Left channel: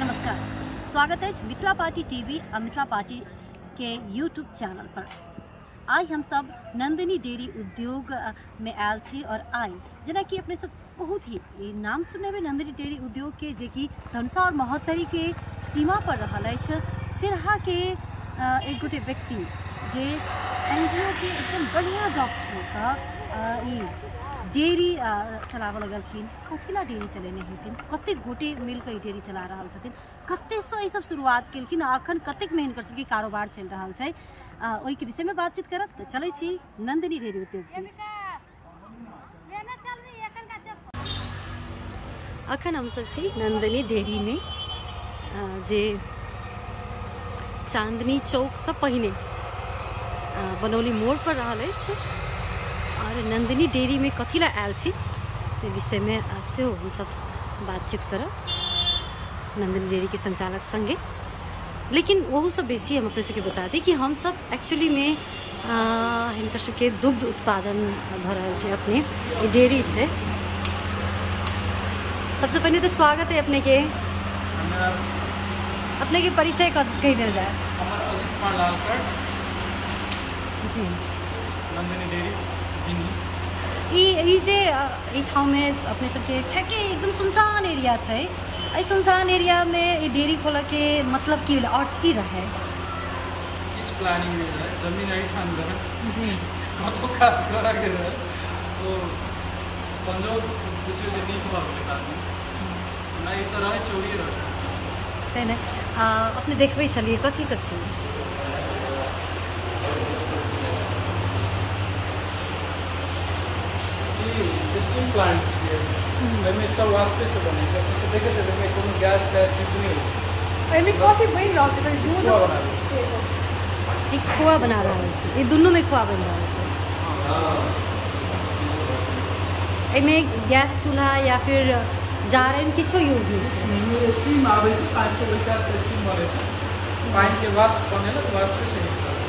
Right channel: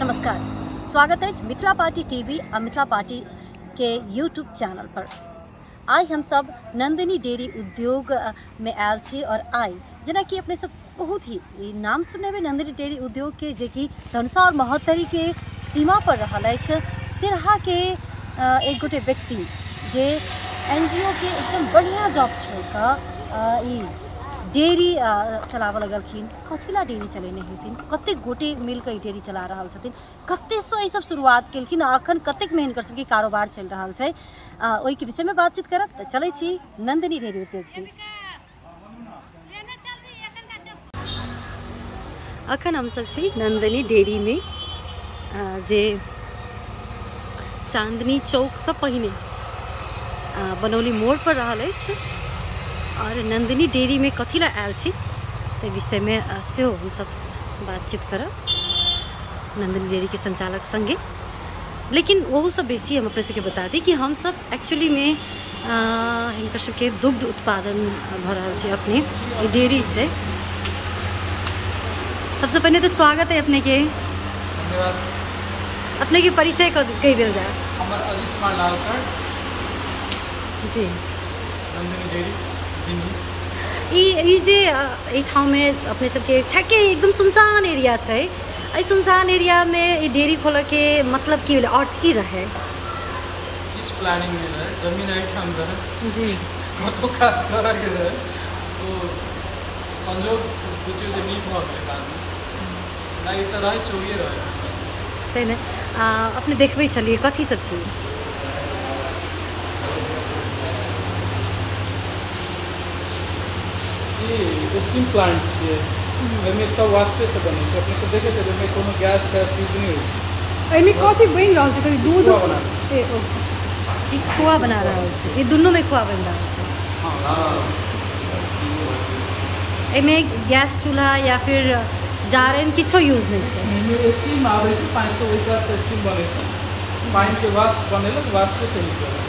नमस्कार, स्वागत है मिथिला पार्टी टीवी और मिथिला पार्टी के यूट्यूब चैनल पर। आई हम सब नंदिनी डेयरी उद्योग में आयल छी और आई जना कि अपने सब बहुत ही नाम सुनने में नंदिनी डेयरी उद्योग के जे कि धनुषा और महोत्तरी के सीमा पर रहल अछि। सिरहा के एक गोटे व्यक्ति जे NGO के एकदम बढ़िया जॉब छोड़ कऽ डेयरी चलावऽ लगलखिन। कथिला डेयरी चलेने हथिन, कते गोटे मिलकर ई डेयरी चला रहल छथिन, कते सो ई सब शुरुआत केलखिन, अखन कतेक में हिनकर सबके कारोबार चल रहल छै। ओहि के विषय में बातचीत करब तऽ चलै छी नंदिनी डेयरी उद्योग दिस। अखन हम सब छी नंदिनी डेयरी में जे चांदनी चौक से पहिने बनौली मोड़ पर रहल अछि। और नंदिनी डेयरी में कथी ला आयल छी ते विषय में सेहो हम सब बातचीत करब नंदिनी डेयरी के संचालक संगे। लेकिन वह सब बेसी हम अपने सबके बता दी कि हम सब एक्चुअली में हिनकर सबके दुग्ध उत्पादन भ रहल छै। अपने ई डेयरी छै। सबसे पहले तो स्वागत है अपने के। धन्यवाद। अपने के परिचय कही दिल जाए। हमर अजित कुमार लालकर जी, नंदिनी डेयरी। ई जे ई ठाव में अपने सबके ठेके एकदम सुनसान एरिया छै। एहि सुनसान एरिया में ई डेयरी खोलऽ के मतलब की भेलै, अर्थ की रहे? किस प्लानिंग में रहे, जमीन आई ठाम रहे जी, कतो काज करे के रहे, तो संजोग बुझियो जे नीक भ गेलै बाद में। नहीं त रहे चोरिए रहे से ने। अपने देखबै छलिए कथी सब छी? स्टील प्लांट छै, एहिमे सब वास्पे से बनै छै। अपने सब देखैत हेबै एहिमे कोनो गैस तैस यूज नहीं होइ छै। एहिमे कथी बनि रहल छै? दूध ई खोआ बना रहल छै। ई दुनू में खोआ बनि रहल छै। एहिमे गैस चूल्हा या फिर जारनि किछो यूज नहीं छै। स्टीम आबै छै 500 लीटर से स्टीम बनै छै। पानी के वाष्प बनेल, वाष्प से निकलै छै।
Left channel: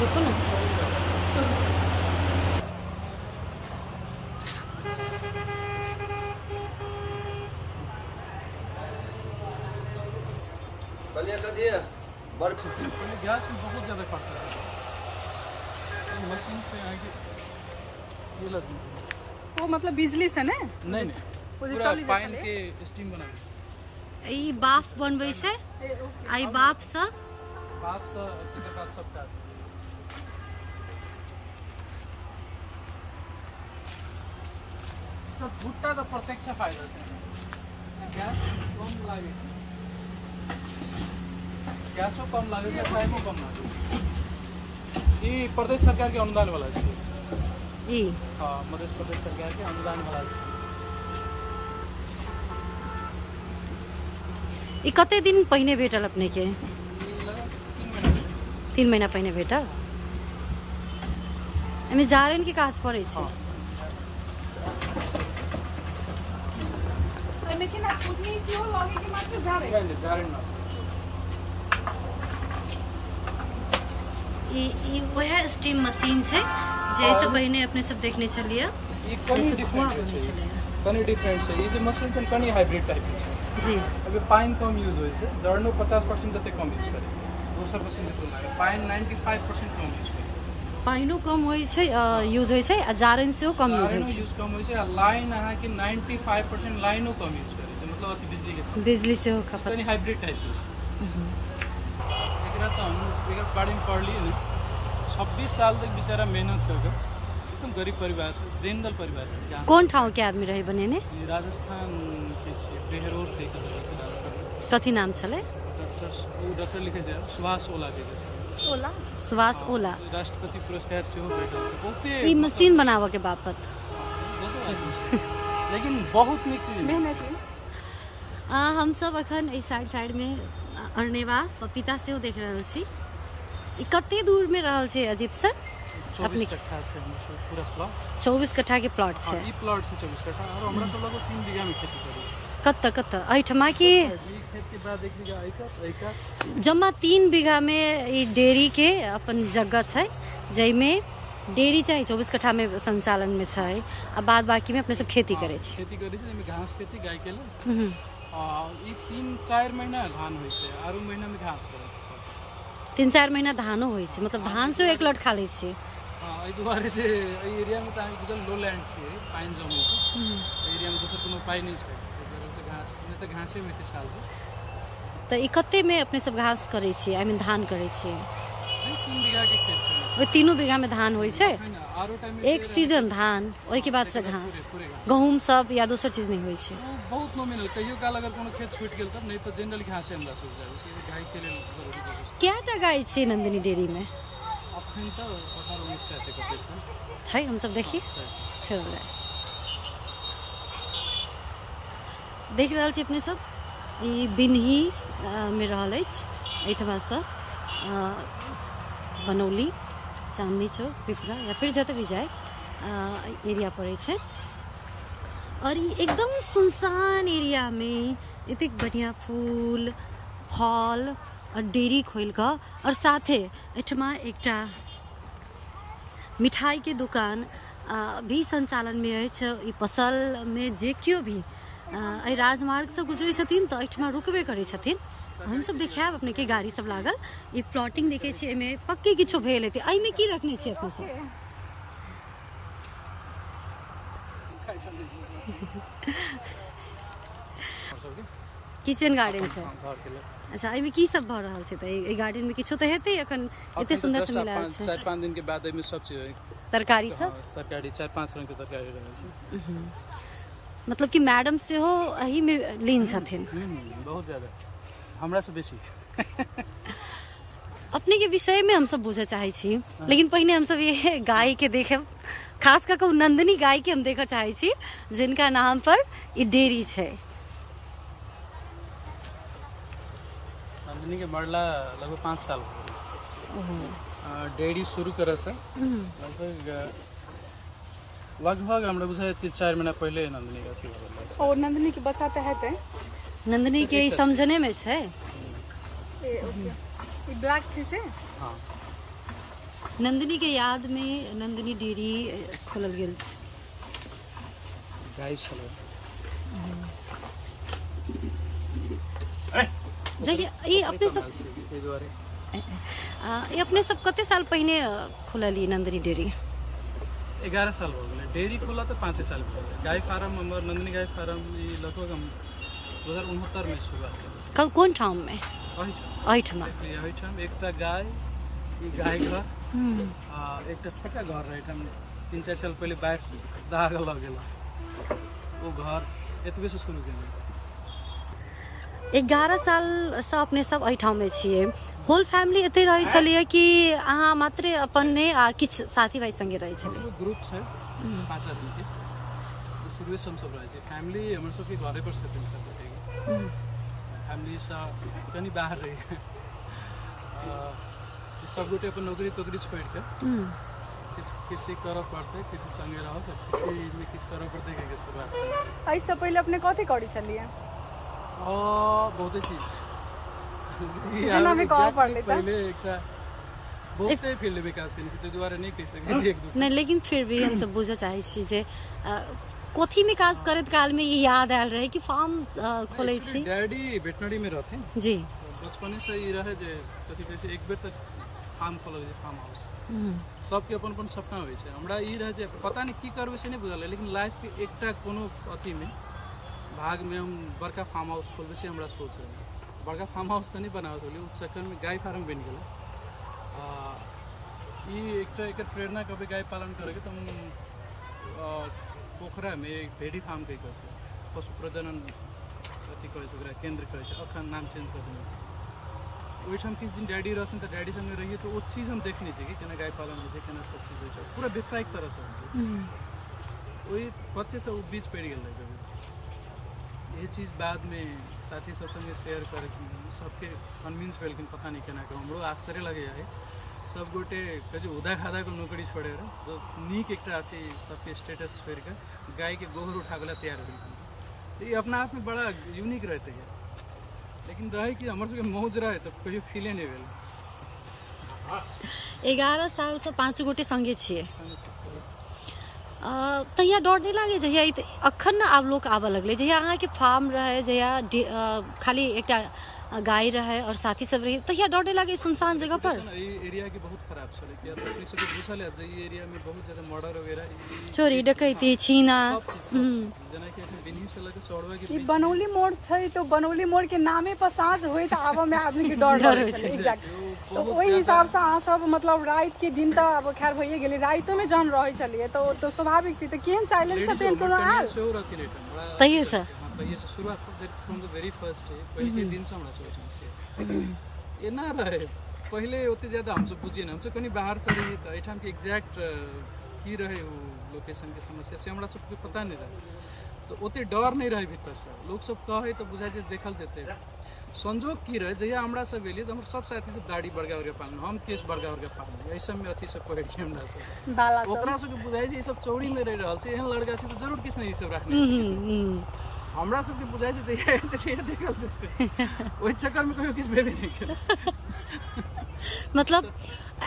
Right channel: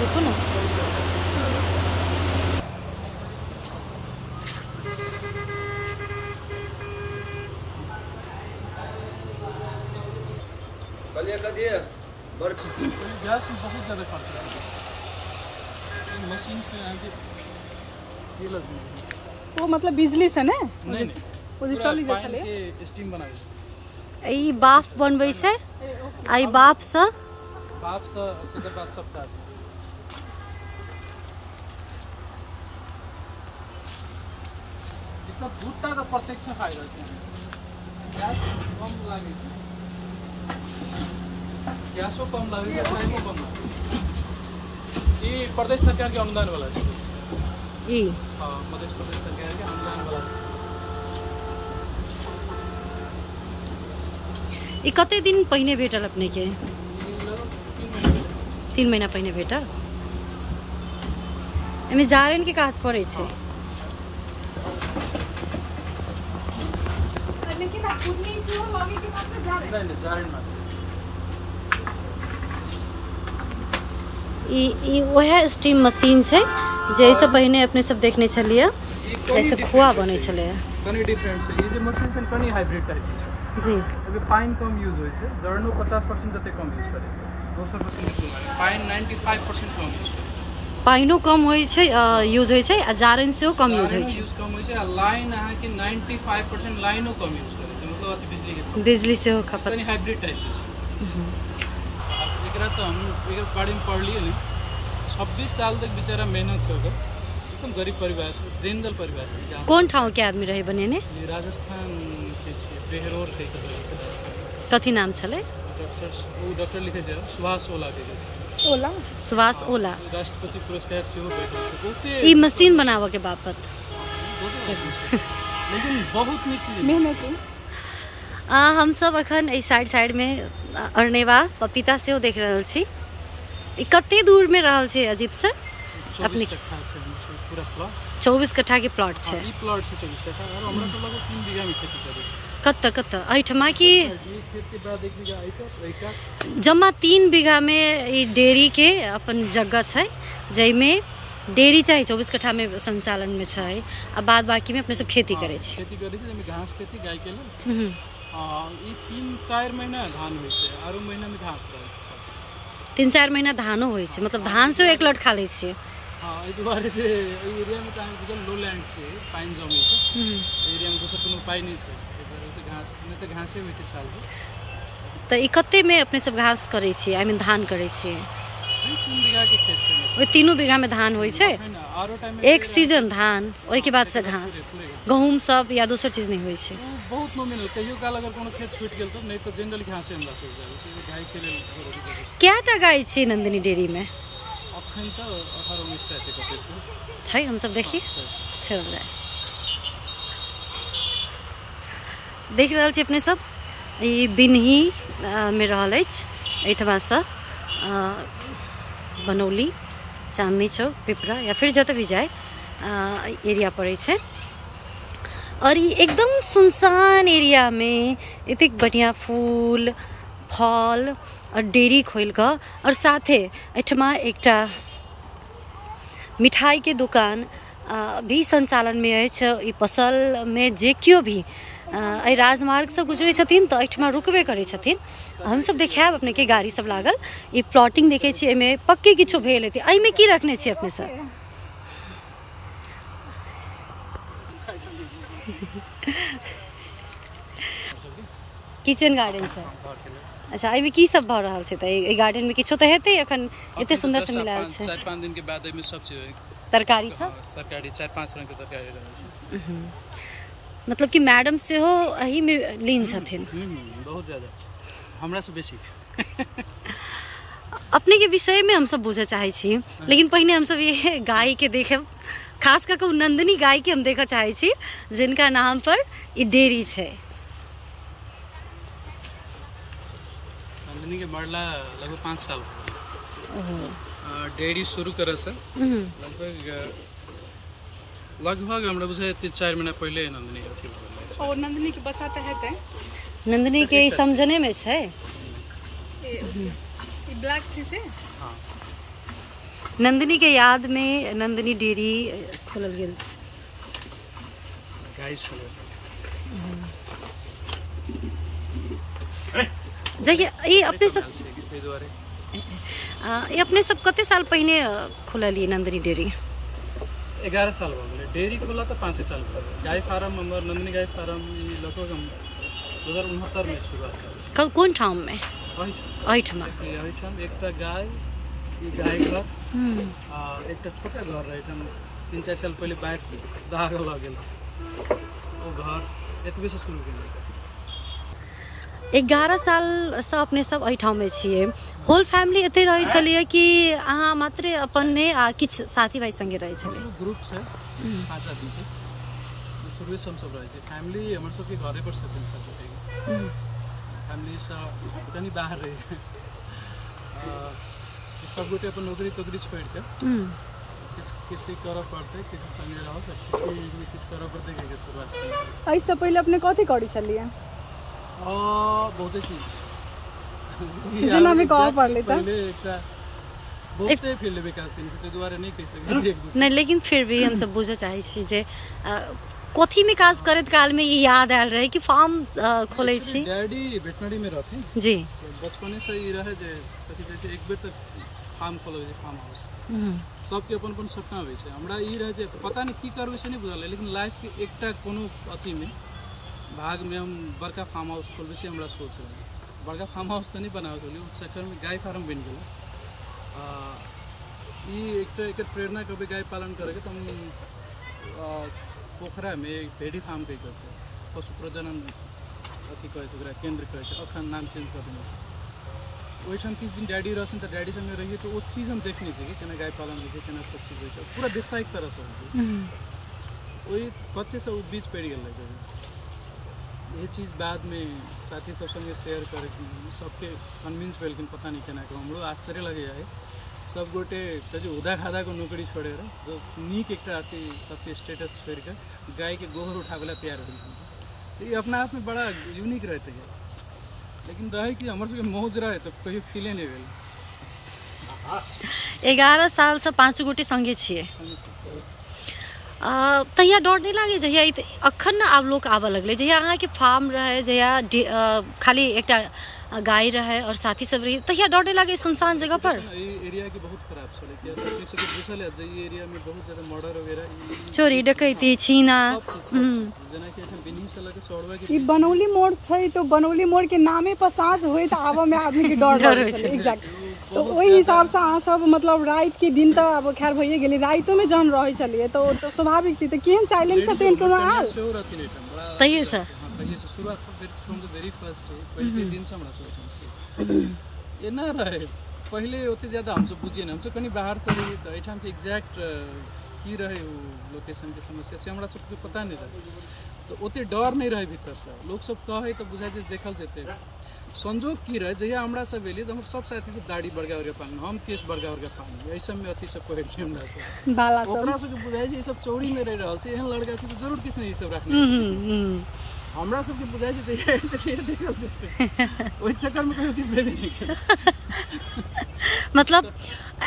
रुको ना। गैस में बहुत ज़्यादा खर्च है। मशीन से आगे ये लगी वो मतलब बिजली से ना नहीं, पूरा पानी के स्टीम बनावे। ई बाफ बनबै छै। आई बाफ से एकर बाद सब काज तो दूटा तो प्रत्यक्ष फायदा छै। गैस कम लागे छै, गैसो कम लागे छै, टाइमो कम लागे छै। ई प्रदेश सरकार के अनुदान वाला छै। ई हां, प्रदेश सरकार के अनुदान वाला छै। ई कते दिन पहिने भेटल अपने के? 3 महीना पहिने भेटल। एमे जारनि के काज पड़े छै। ई वह स्टीम मशीन छै जैसे पहिने अपने सब देखने छलिए, जैसे खोआ बने छले। कनी डिफरेंट छै। ई जे मशीन छै कनी हाइब्रिड टाइप छै। जी, अभी पानी कम यूज होय छै, जर्नो 50% जते कम यूज करे छै। दोसर मशीन के पानी 95% कम यूज करे छै। पाइनो कम होय छै, यूज होय छै, आ जारनि सेहो कम यूज होय छै। यूज कम होय छै, आ लाइन अहाँ के 95% लाइनो कम यूज करे छै। मतलब अति बिजली सेहो खपत। कनी हाइब्रिड टाइप छै। एकरा तो हम एकर बारे में पढ़ लिए ने। 26 साल तक बेचारा मेहनत कर कर एकदम गरीब परिवार से, जनरल परिवार से। कौन ठाव के आदमी रहे बनेने? ये राजस्थान के छै, बेहरोर के जगह से राजस्थान। कथी नाम छले? डॉक्टर लिखे छै सुभाष ओला के छै। ओला, सुभाष ओला। राष्ट्रपति पुरस्कार सेहो भेटल छै। बहुते ई मशीन बनावा के बापत। लेकिन बहुत नीक चीज मेहनत हम सब अखन ए साइड में अरनेवा पपीता सेहो देख रहल छी। ई कते दूर में रहल छै अजीत सर? 24 कट्ठा छै पूरा प्लॉट। 24 कट्ठा के प्लॉट छै। ई प्लॉट छै 24 कट्ठा, और हमरा सब लगभग 3 बीघा में खेती करे छै। कत एठमा की खेत के बाद 1 बीघा जम्मा 3 बीघा में ई डेयरी के अपन जगह छै, जैमे डेयरी चाहिँ 24 कट्ठा में संचालन में छै आ बाद बाकी में अपने सब खेती करे छी। खेती करे छी जेमे घास खेती गाय के लेल। ई 3-4 महीना धान होय छै, आरो महीना में घास रहै छै सब। 3-4 महीना धानो होय छै, मतलब धान से एक लट खा लै छी। हां, एहि दुआरे जे एहि एरिया में त हामी बुझल लो लैंड छै, पाइन जमै छै। एरिया में दोसर कोनो उपाय नै छै, एहि दुआरे त घास नै त घासे होइ छै साल भर। त ई कते में अपने सब घास करे छी, आई मीन धान करे छी? 3 बीघा के खेत छै मतलब। ओइ 3 बीघा में धान होय छै? आरो टाइम में एक सीजन धान, ओइ के बाद से घास, गहूम सब या दोसर चीज नहीं होय छै? बहुत नॉमिनल, कहियो काल अगर कोनो खेत छूट गेल तब, नहीं तो जनरली घासे हमरा सब जाय छै, गाय के लेल जरूरी छै। केटा गाय छै नंदिनी डेयरी में? अखन त 18-19 टा एते कते छै, हम सब देखी चल जाए। देख रहल छी अपने सब, ई बिन्ही में रहल अछि, एहिठमा से बनौली, चांदनी चौक, पिपरा या फिर जत भी जाए एरिया पड़े छै। और ये एकदम सुनसान एरिया में इतने बढ़िया फूल फल और डेयरी खोल कर और साथे एठमा एकटा मिठाई के दुकान भी संचालन में अछि। ई पसल में जे क्यों भी एहि राजमार्ग से गुजरे छथिन तो एठमा रुकबे करे छथिन। हम सब देखायब अपने के गाड़ी सब लागल, ई प्लॉटिंग देखे छी, एमे पक्के किछो भेल हेतै। एहि में की रखने छी अपने सब? किचन गार्डन छै। अच्छा, एहि में की सब भ रहल छै? त ई गार्डन में किछो त हेतै, एखन एते सुंदर से मिलायल छै। 4-5 दिन के बाद एहि में सब चीज तरकारी सब, तरकारी 4-5 रंग के तरकारी रहै छै। मतलब कि मैडम से हो एही में लीन छथिन। बहुत ज्यादा, हमरा से बेसी। अपने के विषय में हम सब बुझे चाहे छी, लेकिन पहिने हम सब ये गाय के देखे, खास करके नंदिनी गाय के हम देखा चाहे छी, जिनका नाम पर ई डेयरी छै। नंदिनी के मरला लगभग 5 साल। ओहो, डेयरी शुरू करे से लगभग हमरा बुझे 3-4 महीना पहले नंदिनी का थी। और नंदिनी के बच्चा तो है, नंदिनी के ई समझने में छै। ये ब्लैक छी से नंदिनी के याद में नंदिनी डेयरी खोलल गेल छै। गाय छै जहिया ई अपने सब ये अपने सब कते साल पहले खोललिए नंदिनी डेयरी? 11 साल हो गए। डेयरी खोला तो 5 साल पहले। गाय फार्म हमर नंदिनी गाय फार्म लगभग हम 2069 में शुरुआत कल कौन ठाम में? अहिठमा एकटा गाय, ई गाय घर, एकटा छोटा घर रहे, 3-4 साल पहले बाढ़ दहा लग गेल, वो घर एतबे से शुरू केलिए। 11 साल से अपने सब अहिठाम में छिए। होल फैमिली एते रहे छलिए कि अहाँ मात्र अपन ने आ किछ साथी भाई संगे रहे छलिए? ग्रुप छै 5 आदमी के, शुरू से हम सब रहे छै। फैमिली हमर सब के घरे पर छथिन सब गोटे। फैमिली से कनी बाहर रही सब गोटे अपन नौकरी तोकरी छोड़ के किसी करब पड़ते, किसी संगे रहो, किसी में किछ करब पड़ते के शुरुआत में। इससे पहले अपने कथी करी छलिए? बहुत चीज जेना में कह पड़ले पहले एकटा बहुते फील्ड विकास केने ते दुआरे नहीं कह सकै छी एक दू नहीं, लेकिन फिर भी हम सब बुझे चाहे छी जे कथी में काज करत काल में ये याद आयल रहे कि फार्म खोले छी। डैडी वेटनरी में रहथिन जी, बचपने से ही रहे जे कथी कहै छै एक बेर तक फार्म खोलल जे फार्म हाउस। सबके अपन अपन सपना होइ छै। हमरा ई रहे जे पता नहीं की करबै से नहीं बुझल, लेकिन लाइफ के एकटा कोनो अथी में भाग में हम बड़का फार्म हाउस खोलबे से हमरा सोच रहे। बड़का फार्म हाउस तो नहीं बनाबे छलिए, उस चक्कर में गाय फार्म बन गेल। ई एकटा एकर प्रेरणा कभी गाय पालन करे के, तो हम पोखरा में एक भेड़ी फार्म कह के पशु प्रजनन अथी कहे छै, ओकरा केंद्र कहे छै, अखन नाम चेंज कर देने। ओहिठाम किछु दिन डैडी रहथिन तो डैडी संगे रहिए, तो वो चीज हम देखने छी कि केना गाय पालन होइ छै, केना सब चीज होइ छै, पूरा व्यावसायिक तरह से होइ छै। ओहि बच्चे से वो बीच पड़ गेल लगे। ये चीज बाद में साथी सब संगे शेयर कर सबके कन्विंस भेलखिन, पता नहीं केना के हमरो आश्चर्य लगे है। सब गोटे कहे उदा खादा को नौकरी छोड़े जो नीक एक अथी सबके स्टेटस छोड़ के गाय के गोबर उठावे तैयार भेलखिन। तो ये अपना आप में बड़ा यूनिक रहते है, लेकिन रहे कि हमारे सबके मौज रहे तो कहियो फीले नहीं भेल। 11 साल से 5 गोटे संगे छिए। संगे छी। तहिया डर नहीं लागे जहिया अखन ना आब लोग आबऽ लगले, जहिया अहाँके फार्म रहे, जहिया खाली एकटा गाय रहे और साथी सब रही, तहिया डर नहीं लागे सुनसान जगह पर? एरिया की बहुत खराब चले कि अपने से पूछल है जे ई एरिया में बहुत ज्यादा मर्डर वगैरह, चोरी डकैती छीना सब चीज जेना कि एठन बिन्ही से लगे सौड़वा के ई बनौली मोड़ छै तो बनौली मोड़ के नामे पर साँझ होय त आबे में आदमी के डर होय छै। एग्जैक्ट। तो ओहि हिसाब से अहाँ सब मतलब रात के दिन त अब खैर भइए गेली, रातो में जन रहै छलिए तो स्वाभाविक छै। त केहन चाइलेंज से तेन कोनो आल सेहो रहथिन एठन बड़ा तहिए से। हां तहिए से शुरुआत from the very first day, पहले दिन से हमरा सब एठन से एना रहे। पहले ओते ज्यादा हम सब बुझिए ना, हम सब कनी बाहर से रही त एठाम के एग्जैक्ट की रहे वो लोकेशन के समस्या से हमरा सबके पता नहीं रहे, तो ओते डर नहीं रहे भीतर से। लोग सब कहे तो बुझाए जे देखल जेते। संजोग की रहे जहिया हमरा सब एलिए तो हम सब साथी सब दाढ़ी बड़गा वर्गा पालन, हम केस बड़गा वर्गा पालन, ऐसा में अथी सब पहिर के हमरा सब बाला सब ओकरा सब के बुझाए जे ई सब चौड़ी में रह रहल छै, एहन लड़का छै तो जरूर किछ नहीं ई सब रखने। हमरा सब के बुझाए छै जहिया एते देखल जेते, ओइ चक्कर में कोई किछ भेबे नहीं करे। मतलब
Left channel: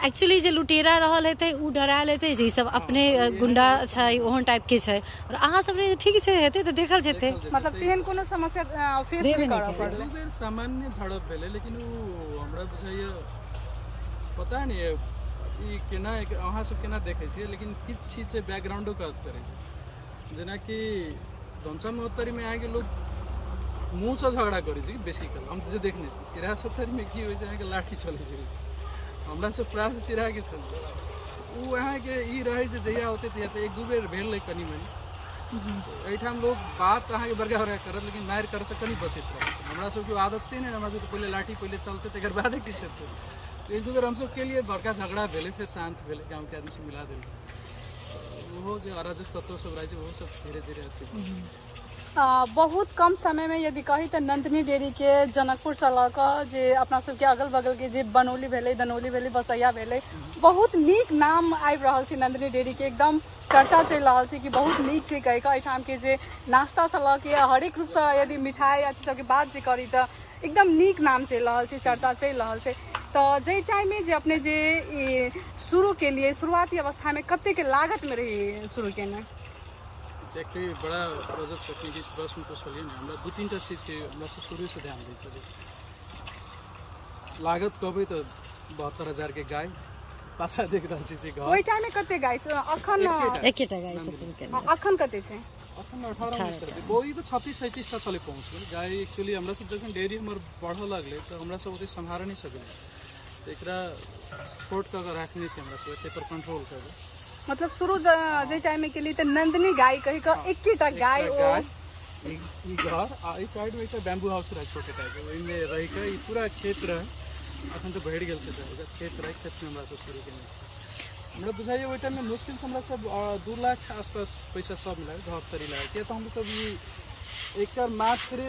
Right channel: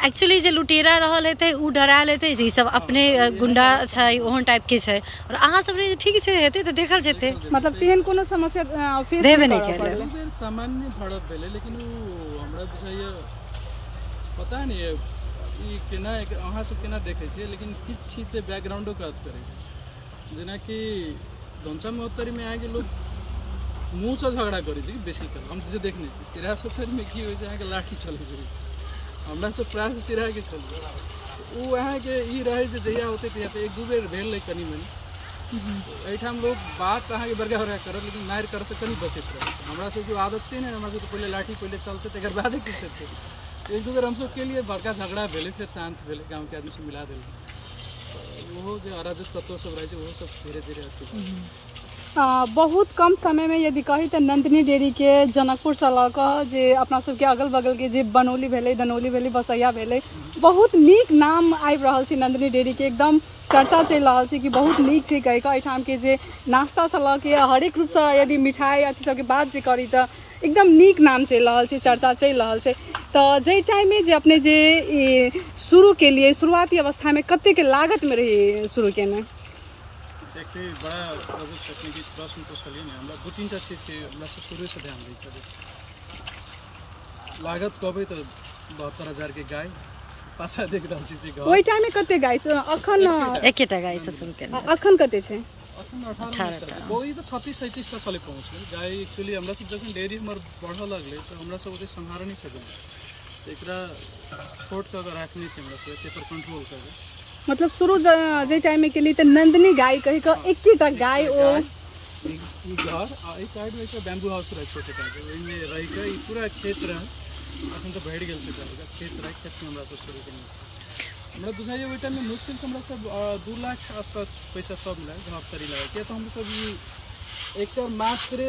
एक्चुअली जे लुटेरा रहल हेतै उ डरायल हेतै जे ई सब अपने गुंडा छै ओहन टाइप के छै, और अहाँ सब रे ठीक छै हेतै त देखल जेतै। मतलब तेहन कोनो समस्या फेस देबे नहीं केले। दू बेर सामान्य झड़प भेले, लेकिन उ हमरा बुझाइए पता नहीं ई केना अहाँ सब केना देखै छियै, लेकिन किछ चीज से बैकग्राउंडो काज करै छै। जेना कि धनसा महोत्तरी में आके लोग मुँह से झगड़ा करै छै बेसी काल, हम जे देखने छी। सिराहा सप्तरी में की होइ छै अहाँके लाठी चलै छै, हमरा सब प्राय से सिराहा के चलै उ अहाँके ई रहै छै जहिया होते तहिया तो एक दू बेर भेल कनी मनी। एठाम लोग बात अहाँके बड़का बड़का करत लेकिन मारि कर से कनी बचैत रहै छै। हमरा सबके आदत छै ने, हमरा सबके पहले लाठी पहले चलते तकर बादे किछ हेतै। एक दू बेर हम सब के लिए बड़का झगड़ा भेले, फिर शांत भेले, गाँव के आदमी से मिला देले। वो जो अराजक तत्व सब रहे वो सब धीरे धीरे अथी बहुत कम समय में यदि कही तो नंदिनी डेयरी के जनकपुर से लऽ कऽ जे अपना सबके अगल बगल के जे बनौली भेलै, दनौली भेलै, बसैया भेलै, बहुत नीक नाम आबि रहल छै नंदिनी डेयरी के। एकदम चर्चा चलि रहल छै कि बहुत नीक छै कहि कऽ। एहिठाम के जे नाश्ता से लऽ के हरेक रूप से यदि मिठाई अथी सबके बात जे करी तऽ एकदम नीक नाम चलि रहल छै, चर्चा चलि रहल छै। तऽ जे टाइम में जे अपने जे शुरू के लिए शुरुआती अवस्था में कते के लागत में रही शुरू केने? देखते बड़ा गजब तकनीकी प्रश्न पूछलिए ना, हमरा दू तीन टा चीज के हमरा सब शुरू से ध्यान दै छलिए। लागत कहबै तो 72,000 के गाय पाछा देख रहल छी से घर। ओइ टाइम में कते गाय अखन एकेटा गाय से शुरू केने, अखन कते छै? अखन 18 वही तो 36-37 टा चले पहुँच गेल गाय। एक्चुअली हमरा सब जखन डेयरी हमर बढ़ऽ लगले तो हमरा सब ओते संभाल नहीं सकल, तो एकरा छोट के अगर रखने छै हमरा सब एते पर कंट्रोल करबे। मतलब शुरू जे टाइम में के लिए तो नंदिनी गाय कहि क एकेटा गाय ई घर आ ई साइड में एक बैम्बू हाउस रहे छोटे टा के, ओइ में रह के ई पूरा खेत रहे। अखन तो बढ़ गेल छै जायगा, खेत रहे, खेत में हमरा सब शुरू केने छी। हमरा बुझाइए ओइ टाइम में मुश्किल से हमरा सब 2 लाख आसपास पैसा सब मिला घर तरी लगा के। तो हम सब ई एकर मात्र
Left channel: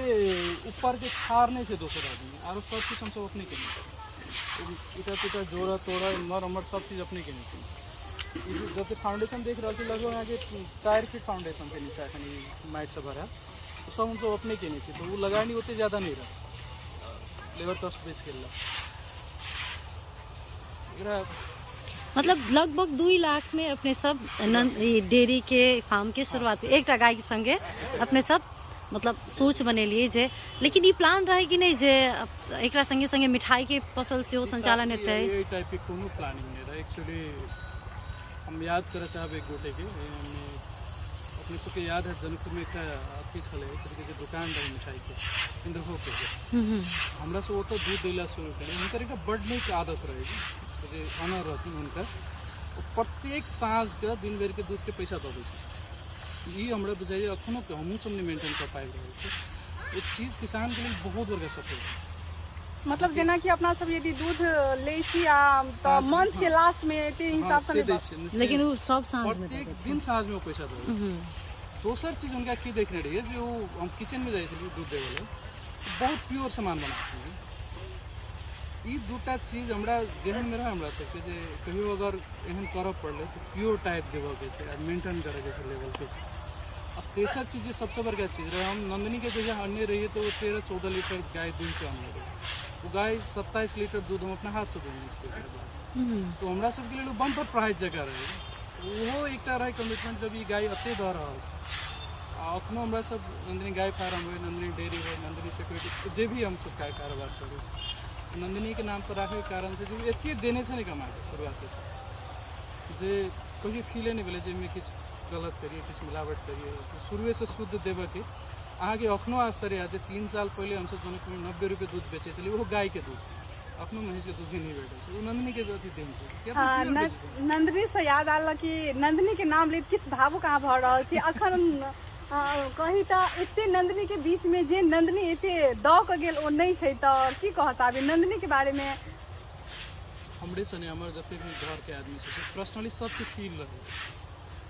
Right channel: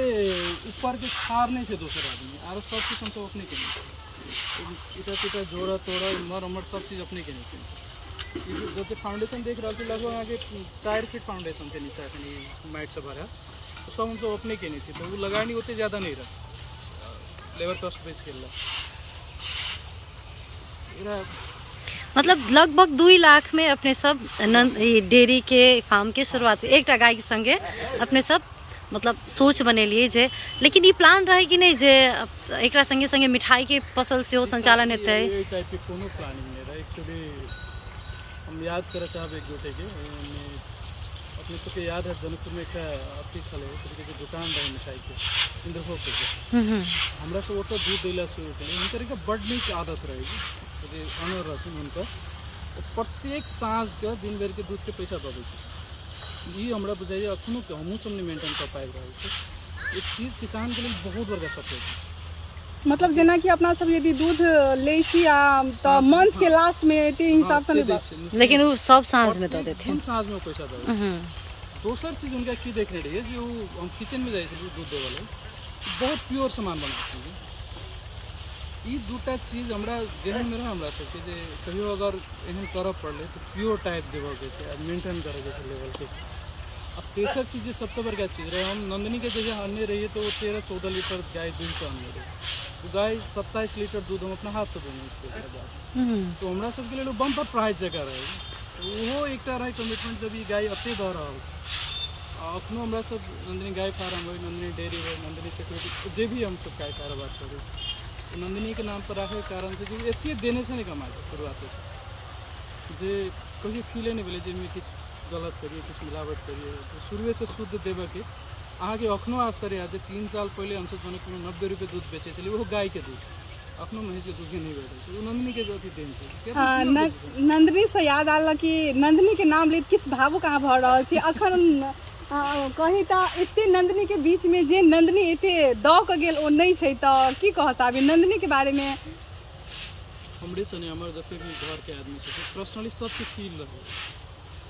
ऊपर के खार नहीं छै दोसर आदमी, आरो सब चीज हम सब अपने केने इटा पिटा जोड़ा तोड़ा मर अमर सब चीज अपने केने छी। जब फाउंडेशन देख रहा थी लगभग आगे 4 फीट फाउंडेशन थे नीचे खाली माइट से भरा, तो सब हम तो अपने के नहीं थे, तो वो लगाए नहीं होते ज़्यादा नहीं रहा, लेबर कॉस्ट बेच के मतलब लगभग 2 लाख में अपने सब डेयरी के फार्म के शुरुआत एक गाय के संगे अपने सब मतलब सोच बनेलिए जे। लेकिन ये प्लान रहे कि नहीं जे एक संगे संगे मिठाई के फसल से हो संचालन हेतै? ये टाइप के कोनो प्लानिंग नहीं रहा। एक्चुअली हम याद करे चाहब एक गोटे के अपने सबके याद है जनकपुर में एक अथी छले तरीके के दुकान रहे मिठाई के इंद्रभोग के, हमरा से ओतो दूध दिला शुरू कले। उनकर एक बड़ नीक आदत रहे जे ऑनर रहथिन उनका, प्रत्येक साँझ के दिन भर के दूध के पैसा दे दै छै। ई हमरा बुझाइए अखनो के हमहूँ सब नहीं मेंटेन कर पाबि रहल छै। एक चीज किसान के लिए बहुत बड़का सपोर्ट है। मतलब जेना कि अपना सब यदि दूध ले छी आ मंथ के लास्ट में एते हिसाब से, लेकिन वो सब साँझ में दे देते हैं, साँझ में पैसा दे। दोसर चीज उनका की देखने रही है जो हम किचन में जाए थे दूध देवे वाले बहुत प्योर सामान बनाते हैं। ये दूटा चीज हमरा जेहन में रहा हमरा सबके जे कहियो अगर एहन कर पड़े तो प्योर टाइप देवे के छै, मेंटेन करे के छै लेवल के। अब तेसर चीज सबसे बड़का चीज रहे, हम नंदिनी के जगह अन्य रहिए तो 13-14 लीटर गाय दूध के अन्य रही। वो गाय 27 लीटर दूध हम अपना हाथ से दोने इसके बाद तो हमरा सबके लिए बम्पर प्राइज जगह रहे तो वो एक रहे कमिटमेंट जब ये गाय अते दऽ रहल अखनो हमरा सब नंदिनी गाय फार्म हो नंदिनी डेयरी हो नंदिनी सिक्योरिटी जे भी हम सब गाय कारोबार करें नंदिनी के नाम पर रखे के कारण से जो एते देने से नहीं कमा के शुरुआत से जे कहीं फीले नहीं बोले जिनमें कुछ गलत करिए कुछ मिलावट करिए तो शुरू से शुद्ध देवे के अहाँ के अखनो आश्चर्य आज 3 साल पहले हमसे 90 रुपये दूध बेचे चलिए वो गाय के दूध अखनो महीस के दूध के नहीं बैठे वो नंदिनी के अथी देन छै नंदिनी से याद आल कि नंदिनी के नाम ले किछ भावुक अहाँ भऽ रहल छी अखन कही तऽ एते नंदिनी के बीच में जे नंदिनी एते दऽ कऽ गेल ओ नहीं छै तऽ की कह चाहबे नंदिनी के बारे में हमरे सने हमर जते भी घर के आदमी छै पर्सनली सबके फील रहे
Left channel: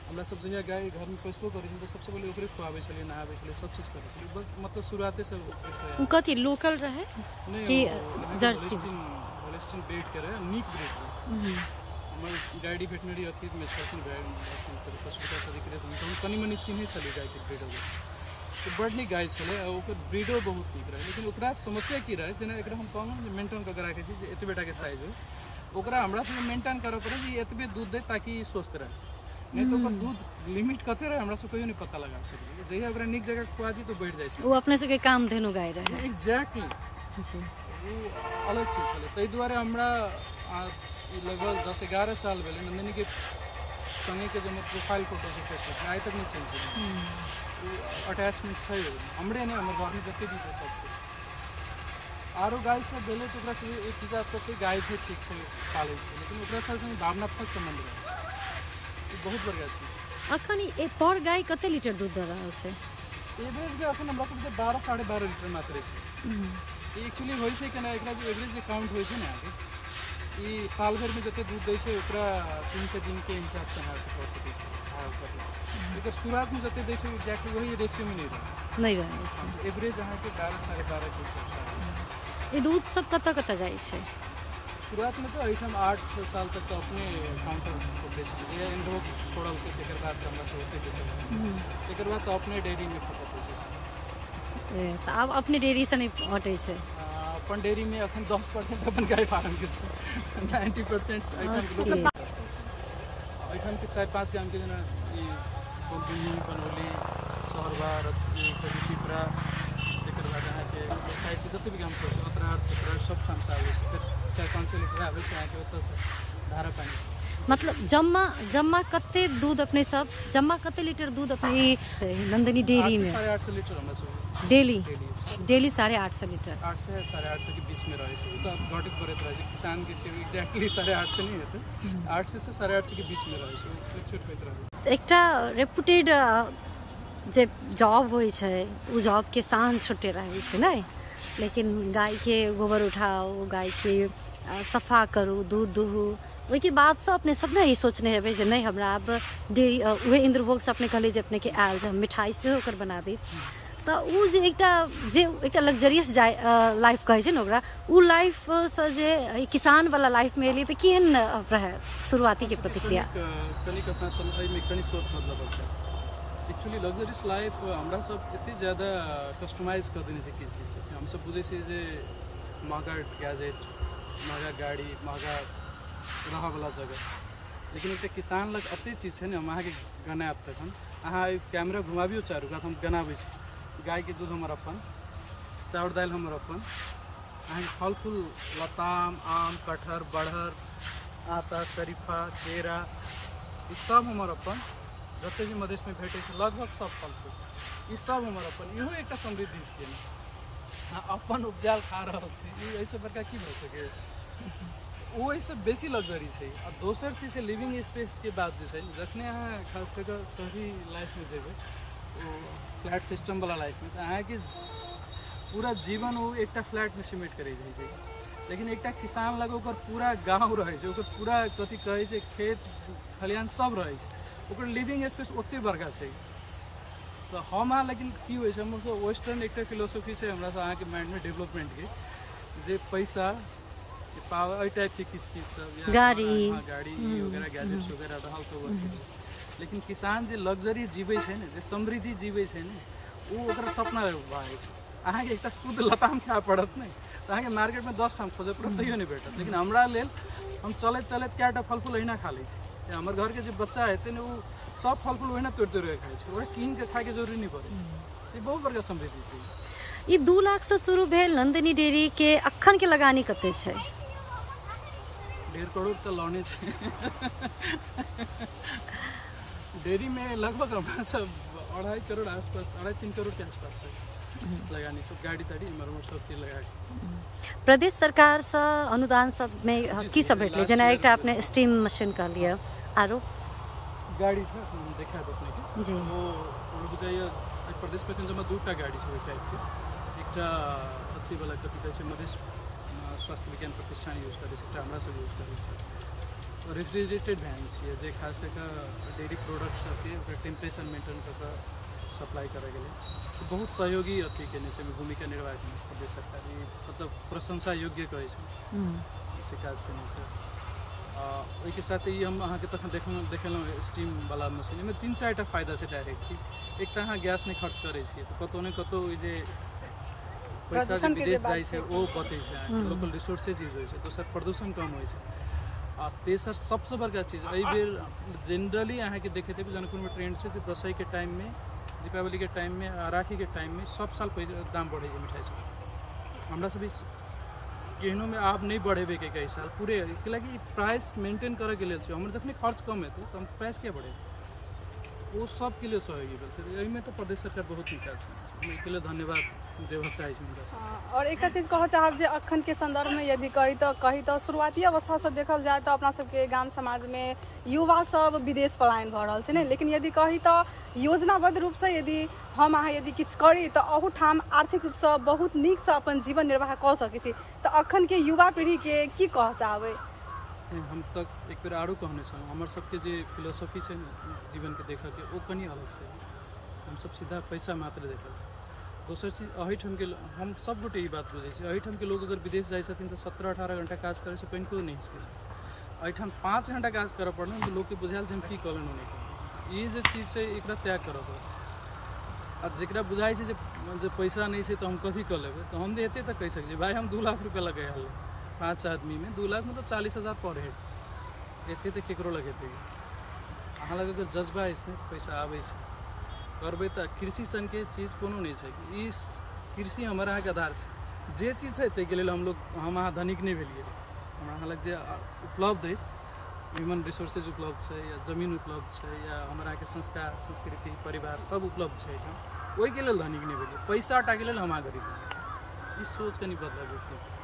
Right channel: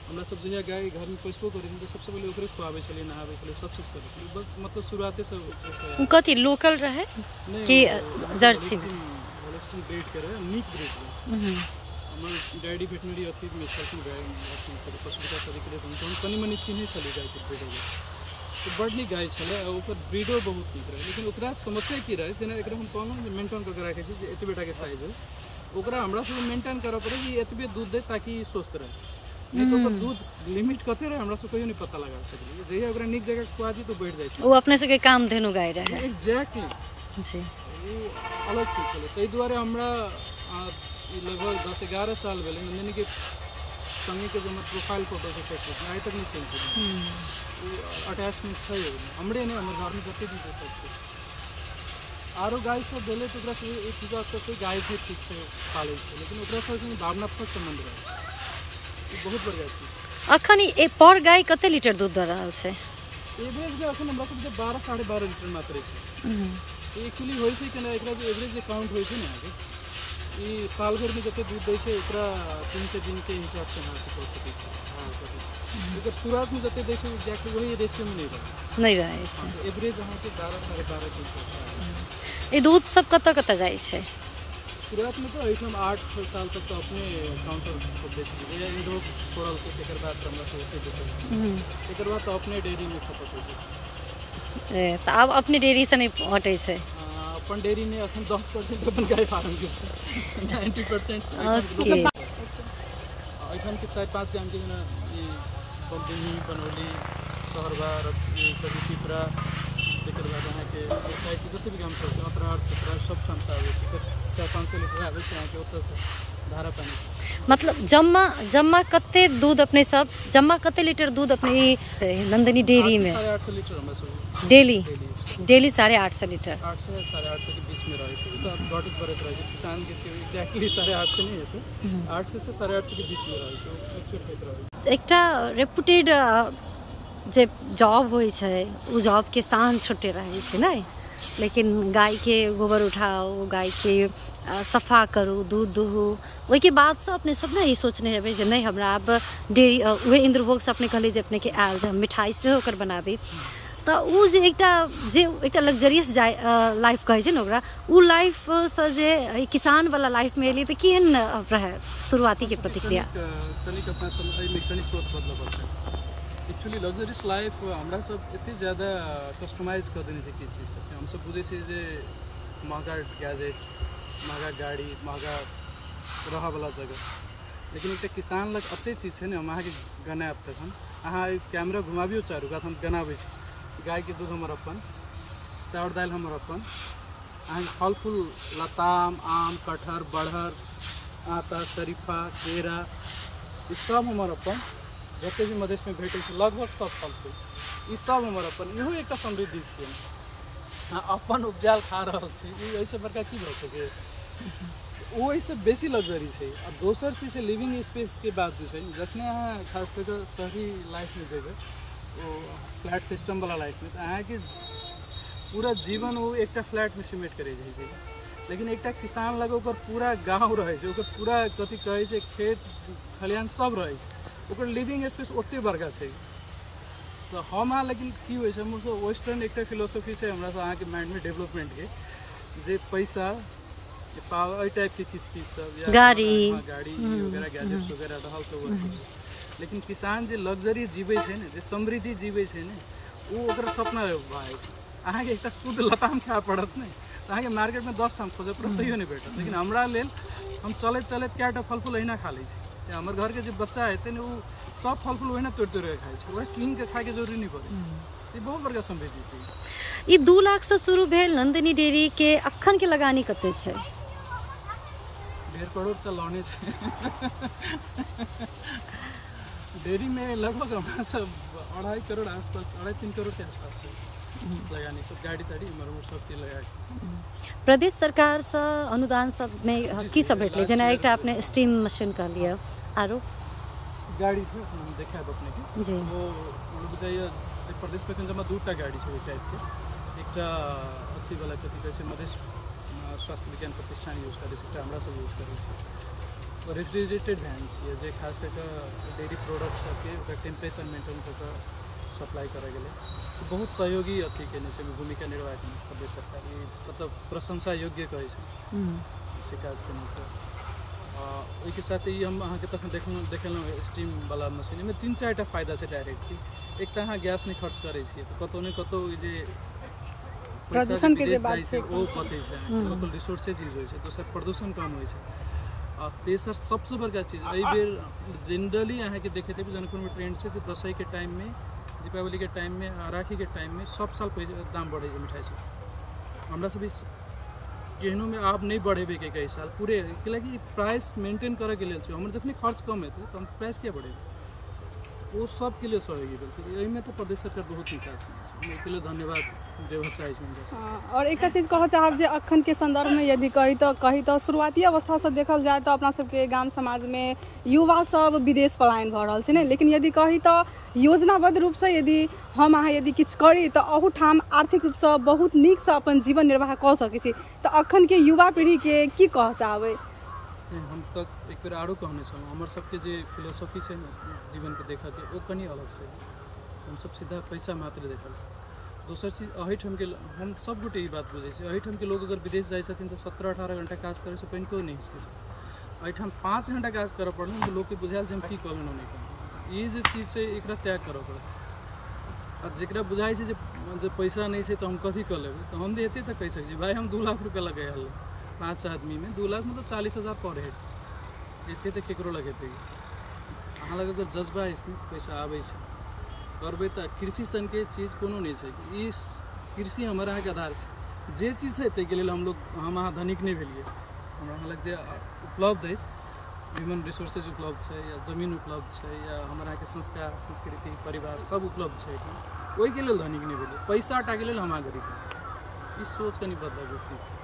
हमरा सब जहिया गाय घर में पोसबो करी तो सबसे पहले ओकरे खुआबे चलिए नहाबे चलिए सब चीज करे चलिए बस मतलब शुरुआते से ओकरे कथी लोकल रहे कि जर्सी होलिस्टीन ब्रीड के रहे नीक ब्रीड हमर डैडी वेटनरी अथी में छलखिन गाय अथी पशु विकास अधिकारी तो हम कनी मनी चिन्है छलिए गाय के ब्रीड तो बड़ नीक गाय छले ओकर ब्रीडो बहुत नीक रहे लेकिन ओकरा समस्या की रहे जेना एकरा हम कहलहुँ जे मेंटेन करके राखे छी जे एते बेटा के साइज है ओकरा हमरा से मेंटेन करऽ पड़े कि एतबे दूध दे ताकि स्वस्थ रहे नहीं तो दूध लिमिट कते रहे हमरा से कहियो नहीं पता लगा सकलिए जहिया ओकरा नीक जगह खुआ दी तो बैठ जाय छै वो अपने से के काम धेनु गाय रहे एग्जैक्टली जी वो अलग चीज छले तै दुआरे हमरा लगभग 10-11 साल भेले नंदिनी के संगे के जब प्रोफाइल फोटो के फेसबुक में आज तक नहीं चेंज भेल वो अटैचमेंट छै हमरे ने हमर घर में जते भी छै सब कुछ आरो गाय सब भेले तो ओकरा से एक हिसाब से गाय छै ठीक छै पाले छै लेकिन ओकरा से भावनात्मक संबंध रहे बहुत बढ़िया चीज अखन ए पर गाय कते लीटर दूध दऽ रहल छै एवरेज में अखन हमरा सब 12-12.5 लीटर मात्र छै एक्चुअली होय छै केना एकरा जे एवरेज काउंट होय छै ने आगे ई साल भर में जते दूध दै छै ओकरा 300 दिन के हिसाब से हाथ कऽ सकै छै एकर शुरुआत में जते दै छै एग्जैक्टली वही रेशियो में नहीं रहे छै एवरेज अहाँ के 12-12.5 के ई दूध सब कतऽ जाय छै शुरुआत में तो हम 8 साल तक तो अपने काउंटर को बेच दिए इंडो छोड़ल के तेकर बाद हमरा से होते बेचल तेकर बाद तो अपने डेयरी में खपत होय छै त अब अपने डेयरी से नहीं हटे छै अपन डेयरी में अखन 10% अपन गाय फार्म के 90% ओके एखन के 4-5 गाम के जना ई बम्बई बनौली सहरबार ई कबीरा तेकर बाद अहाँ के साइड के जते भी गाम छै अतरार सब काम से आबै छै 400-500 लीटर आबै छै अहाँ के ओतऽ से धारा पानी छै मतलब जम्मा कते दूध अपने सब जम्मा कते लीटर दूध अपने नंदिनी डेयरी में 850 लीटर हमरा सब डेली 850 लीटर 8 से 850 के बीच में रहे छै तो अब घटित बढ़त रहे छै किसान के एग्जैक्टली 850 नहीं हेतै 800 से 850 के बीच में रहे छै फ्लक्चुएट होइत रहे एकटा रेपुटेड जे जॉब होइ छै उ जॉब के शान छुटे रहे छै नै लेकिन गाय के गोबर उठाओ गाय के सफा करू दूध दुहू ओहि के बाद से अपने सब ने ई सोचने हेबै जे नहीं हमरा अब डेयरी उहे इंद्रभोग से अपने कहले जे अपने के आयल जे हम मिठाई से ओकर बनाबी तो उ जे एकटा लग्जरियस लाइफ कहै छै ने ओकरा उ लाइफ से जे किसान वाला लाइफ में एली तो केहन रहे शुरुआती के प्रतिक्रिया कनिक अपना समय में कनी सोच बदला पड़ता है एक्चुअली लग्जरियस लाइफ हमरा सब एते ज़्यादा कस्टमाइज कर देने से की चीज़ हम सब बुझे छी जे महंगा गैजेट महंगा गाड़ी महंगा रहा वाला जगह लेकिन एक किसान लग अते चीज है हम अहाँ के गनाब तखन अहाँ कैमरा घुमाबियो चारू कात हम गनाबै छी गाय के दूध हमर अपन चाउर दाल हमर अपन अहाँ के फल फूल लताम आम कटहर बड़हर आटा शरीफा केरा ई सब हमर अपन जते भी मधेश में भेटे छै लगभग सब फल फूल ई सब हमर अपन इहो एक समृद्धि छै अपन उपजाल खा रहल छी ई ऐसे बड़का की भऽ सके वो ऐसे बेसी लग्जरी है दोसर चीज है लिविंग स्पेस के बाद जो है जखने अहाँ खास कर शहरी लाइफ में जेबे वो फ्लैट सिस्टम वाला लाइफ में तो अहाँ के पूरा जीवन वो एक फ्लैट में सिमेट करे छै लेकिन एक किसान लग ओकर पूरा गाँव रहे छै ओकर पूरा कथी कहे छै खेत खलिहान सब रहे छै ओकर लिविंग स्पेस ओते बड़का छै तो हम अहाँ लेकिन की होइ छै हमर वेस्टर्न एक फिलोसफी से हमरा से अहाँ के माइंड में डेवलपमेंट के जे पैसा पावर टाइप के किस चीज सब या गाड़ी वगैरह गैजेट्स वगैरह रहल सब लेकिन किसान जे लग्जरी जीवे छै ने जे समृद्धि जीवे छै ने वो ओकर सपना भाई छै अहाँ के एकटा शुद्ध लताम खाए पड़त ने अहाँ के मार्केट में 10 ठाम खोजे पर तैयो नहीं भेटत। लेकिन हमरा लेल हम चले चले क्या फल फूल अहिना खा लै छी। हमर घर के जो बच्चा है तेने वो सब फल फूल ओहिना तोड़ तोड़ के खाइ छै, ओकरा कीन के खाए के जरूरी नहीं पड़े। ई बहुत बड़का समृद्धि छै। ई 2 लाख से शुरू भेल नंदिनी डेयरी के अखन के लगानी कते छै? 1.5 करोड़ तो लौने छै। डेयरी में लगभग हमारा सब 2.5 करोड़ आसपास, 2.5-3 करोड़ के आसपास है लगानी सब, गाड़ी ताड़ी मरम्मत सब के लगा के। प्रदेश सरकार से अनुदान सब में की सब भेटले? जेना एकटा आपने स्टीम मशीन कह लिया, आरो गाड़ी थे हम देखा है अपने के जी, वो मतलब बुझाइए प्रदेश में जमा 2टा गाड़ी छै टाइप के। एकटा अथी वाला कथी कहै छै मधेश स्वास्थ्य विज्ञान प्रतिष्ठान यूज करे छै, हमरा सब यूज करे छै। रेफ्रिजरेटेड वैन छै जे खास करके डेयरी प्रोडक्ट सबके ओकर टेम्परेचर मेंटेन करके सप्लाई करे गेलै। बहुत सहयोगी अथी केने छै, भूमिका निर्वाह केने छै प्रदेश सरकार, मतलब प्रशंसा योग्य कहै छै से काज केने छै। ओहिके साथ ही हम अहाँके तखन देखेलहुँ स्टीम वाला मशीन में 3-4 टा फायदा छै डायरेक्टली। एक तऽ अहाँ गैस नहीं खर्च करै छियै तऽ कतौ ने कतौ जे पैसा जे विदेश जाइ छै ओ बचै छै, लोकल रिसोर्सेज यूज होइ छै, दोसर प्रदूषण कम होइ छै। आ तेसर सबसे बड़का चीज एहि बेर जनरली अहाँके देखैत हेबै जनकपुर में ट्रेंड छै जे दशई के टाइम में, दीपावली के टाइम में, राखी के टाइम में सब साल दाम बढ़े छै मिठाई सब। हमरा सब इस केहनो में आप नहीं बढ़ेबे के कई साल पूरे कि प्राइस मेंटेन करे के लिए हमर जखने खर्च कम हेतै तो हम प्राइस क्या बढ़ेबै, वो सब के लिए सहयोगी भेल। एहिमे तो प्रदेश सरकार बहुत निकाल छै, एहिके लेल धन्यवाद देबऽ चाहै छी। और एक चीज कहऽ चाहब जे अखन के संदर्भ में यदि कही तो शुरुआती अवस्था से देखल जाए तो अपना सबके गाम समाज में युवा सब विदेश पलायन भऽ रहल छै ने, लेकिन यदि कही तो योजनाबद्ध रूप से यदि हम अहाँ यदि किछु करी तो अहू ठाम आर्थिक रूप से बहुत नीक से अपन जीवन निर्वाह कऽ सकै छी। तो अखन के युवा पीढ़ी के की कहऽ चाहबै? हम तक एक बेर आरो कहने छलहुँ हमर सबके जे फिलोसफी छै ने जीवन के देखऽ के ओ कनी अलग छै। हम सब सीधा पैसा मात्र देखल। दोसर चीज एहिठाम के हम सब गोटे ई बात बुझै छी, एहिठाम के लोग अगर विदेश जाइ छथिन तऽ 17-18 घंटा काज करे से कनिको नहीं छै। एहिठाम 5 घंटा काज करऽ पड़ल तऽ लोग के बुझायल जे हम की कऽ लेलहुँ नहीं। ई जे चीज छै एकरा त्याग करऽ पड़त। अब जेकरा बुझाइ छै जे पैसा नहीं छै तो हम कथी कऽ लेबै, तो हम एते तक कहि सकै छी भाई हम 2 लाख रुपया लगे हल 5 आदमी में 2 लाख मतलब 40,000 पर हेड एते तक केकरो लगेतै। अहाँ लग अगर जज्बा अछि ने पैसा आबै छै करबै तऽ कृषि सन के चीज कोनो नहीं छै। ई कृषि हमर अहाँके आधार छै। जे चीज छै ताहिके लेल हम अहाँ धनिक नहीं भेलियै। हमरा अहाँ लग जे उपलब्ध अछि ह्यूमन रिसोर्सेज उपलब्ध छै या जमीन उपलब्ध छै या हमरा अहाँके संस्कार संस्कृति परिवार सब उपलब्ध छै एहिठाम, ओहिके लेल धनिक नहीं भेलियै। पैसा टाके लेल हम अहाँ गरीब। ई सोच कनि बदलऽ के चीज छै।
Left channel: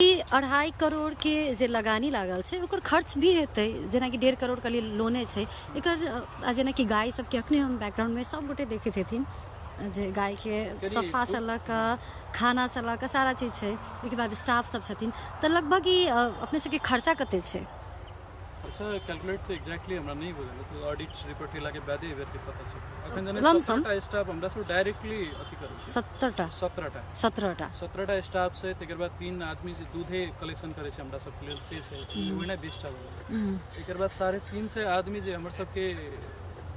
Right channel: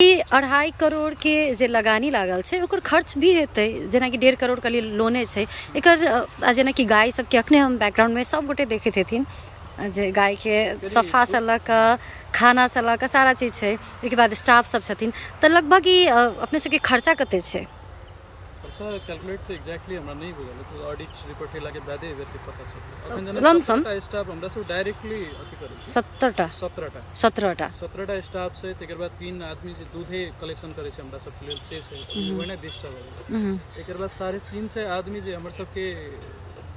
2.5 करोड़ के जे लगानी लागल छै ओकर खर्च भी हेतै, जेना कि 1.5 करोड़ के लिए लोने छै एकर। जेना कि गाय सबके अखने हम बैकग्राउंड में सब गोटे देखैत हेथिन जे गाय के सफा से लऽ कऽ खाना से लऽ कऽ सारा चीज छै, ओहिके बाद स्टाफ सब छथिन, तऽ लगभग ई अपने सबके खर्चा कते छै? खर्चा कैलकुलेट तो एग्जैक्टली हमरा नहीं बुझल, तो ऑडिट रिपोर्ट केला के बादे एबे के पता चलतै। अखन जेना लमसम स्टाफ हमरा सब डायरेक्टली अथी करै छै 17टा स्टाफ छै। तकर बाद 3 आदमी जे दूधे कलेक्शन करे छै हमरा सब के लेल से छै, ओहिना 20टा भऽ गेल। एकर बाद 350 आदमी जे हमर सबके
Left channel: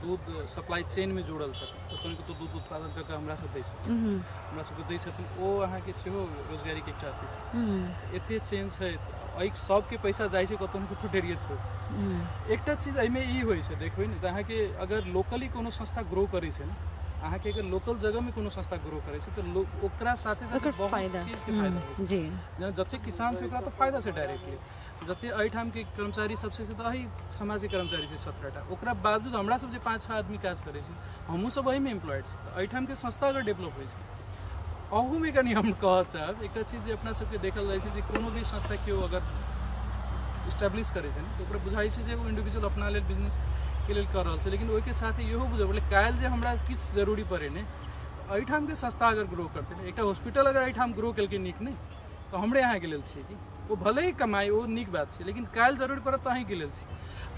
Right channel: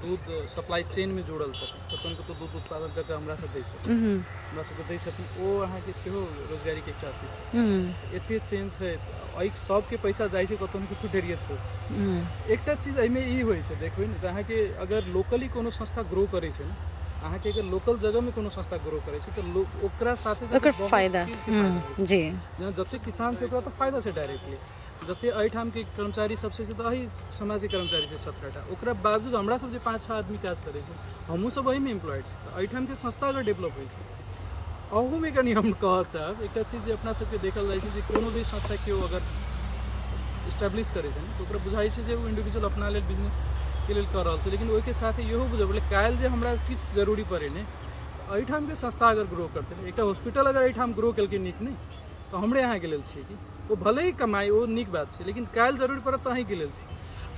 दूध सप्लाई चेन में जुड़ल छथिन, तो दूध उत्पादन करके हमरा सब दै छथिन, हमरा सबके दै छथिन। ओ अहाँके सेहो रोजगारी के एकटा अथी छै। एते चेन छै एहि सबके पैसा जाइ छै कतौ न कतौ डेरिए थोड़। एकटा चीज एहिमे ई होइ छै देखबै ने, अहाँके अगर लोकली कोनो संस्था ग्रो करै छै ने, अहाँके अगर लोकल जगह में कोनो संस्था ग्रो करै छै तो ओकरा साथे बहुत फायदा जी, जते किसान छै ओकरा तो फायदा छै डायरेक्टली। जते एहिठाम के कर्मचारी सब छै तऽ एहि समाज के कर्मचारी छै 17टा, ओकरा बावजूद हमरा सब जे 5-6 आदमी काज करै छै हमहूँ सब एहि में एम्प्लॉयड छै। एहिठाम के संस्था अगर डेवलप होइ छै अहू में कनी हम कहऽ चाहब एकटा चीज जे अपना सबके देखल जाइ छै जे कोनो भी संस्था केओ अगर इस्टेब्लिश करै छै तो ओकरा बुझाइ छै जे वो इंडिविजुअल अपना लेल बिजनेस के लेल कर रहल छै, लेकिन ओहिके साथ इहो बुझब काल्हि जे हमरा किछु जरूरी पड़े ने एहिठाम के संस्था अगर ग्रो करतै, एकटा हॉस्पिटल अगर एहिठाम ग्रो केलकै नीक ने तो हमरे यहाँ के लेल छै कि वो भले ही कमाई वो नीक बात छै, लेकिन काल्हि जरूरी पड़त तो अहीं के लेल छै।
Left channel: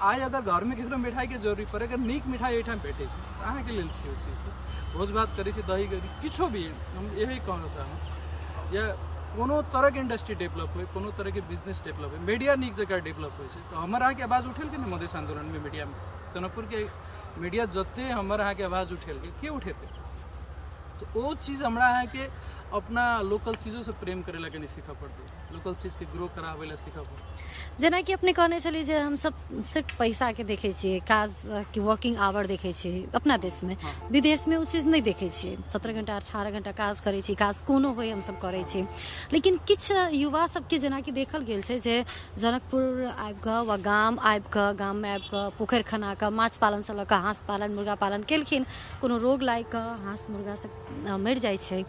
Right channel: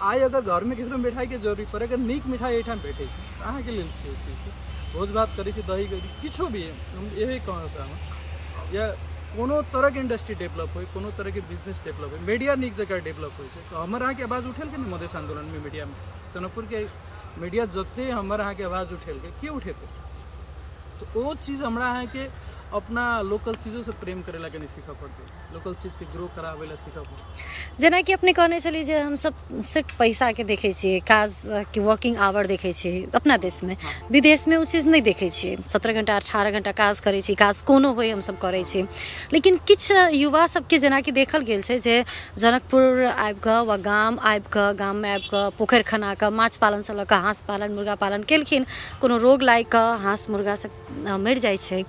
आइ अगर घर में ककरो मिठाई के जरूरी पड़े अगर नीक मिठाई एहिठाम भेटै छै तऽ अहाँ के लेल छै ओ चीज के। भोज भात करै छै दही गरी किछो भी हम यही कहऽ चाहब या कोनो तरह के इंडस्ट्री डेवलप हो, कोनो तरह के बिजनेस डेवलप हो, मीडिया नीक जगह डेवलप हो तो हमर अहाँ के आवाज उठेल के ने मधेश आंदोलन में मीडिया में जनकपुर के मीडिया जते हमर अहाँ के आवाज उठेल के उठेते तो वो चीज हमरा अहाँ के अपना लोकल चीज़ों से प्रेम करेला के नहीं सीखा पड़ते, लोकल चीज़ के ग्रो कराबेला सीखा पड़ते। जेना कि अपने कहने छली जे हम सब सिर्फ पैसा के देखे छियै, काज के वर्किंग आवर देखे छियै अपना देश में, विदेश में वो चीज नहीं देखे छियै। 17 घंटा 18 घंटा काज करे छी, काज कोनो होय हम सब करे छी। लेकिन किछ युवा सबके जेना कि देखल गेल छै जे जनकपुर आबि कऽ वा गाम आबि कऽ, गाम में आबि कऽ पोखरि खना कऽ माछ पालन से लऽ कऽ हाँस पालन मुर्गा पालन केलखिन, कोनो रोग लागि कऽ हाँस मुर्गा सब मरि जाइ छै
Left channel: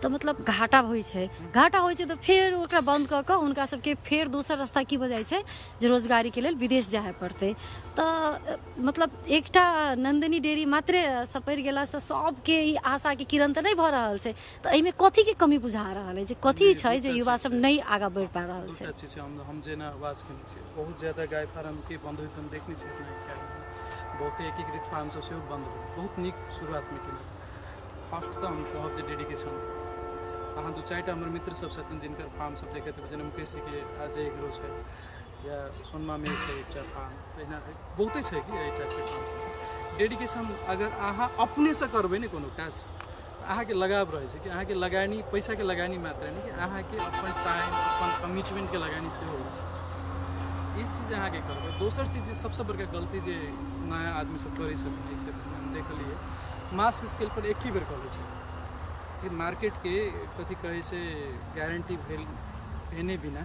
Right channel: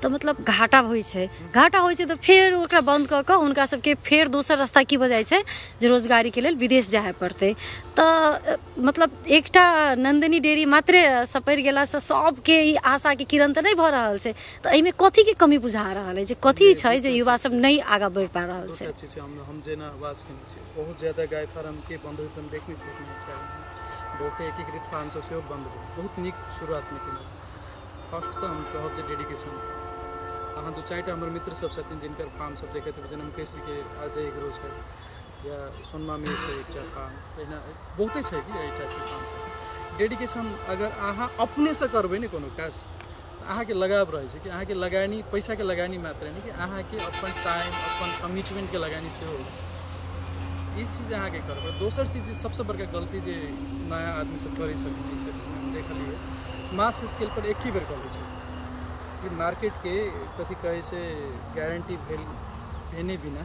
तो मतलब घाटा होइ छै। घाटा होइ छै तो फेर ओकरा बंद कऽ कऽ हुनका सबके फेर दोसर रास्ता की बजाय छै जे रोजगारी के लेल विदेश जाए पड़तै। तऽ मतलब एकटा नंदिनी डेयरी मात्रे सपरि गेला से सबके ई आशा के किरण तऽ नहीं भऽ रहल छै। तऽ एहिमे कथी के कमी बुझा रहल है, जे कथी छै जे युवा सब नहीं आगा बढ़ि पा रहल छै? हम जेना आवाज कने छी, बहुत ज्यादा गाय फार्म के बंद होइत हम देख नहीं सकते, बहुत एकीकृत फार्म से सेहो बंद हो, बहुत नीक शुरुआत में केने। फर्स्ट तो हम कहब जे डेडिकेशन, अहाँ 2-4टा हमर मित्र सब छथिन जिनकर फार्म सब देखैत हेबै, जेना मुकेश जी के अजय एग्रो छै या सोनमा में छै एकटा फार्म, तहिना बहुते छै कि एहि टाइप के फार्म सब। डेडिकेशन अगर अहाँ अपने से करबै ने कोनो काज, अहाँ के लगाव रहे छै कि अहाँ के लगानी पैसा के लगानी मात्र नहीं कि अहाँ के अपन टाइम अपन कमिटमेंट के लगानी सेहो होइ छै। ई चीज अहाँ के करबै। दोसर चीज सबसे बड़का गलती जे नया आदमी सब करै छथिन से हम देखलिए, मास स्केल पर एक ही बेर कऽ लै छै। ये मार्केट के कथी कहै छै गारंटी भेने बिना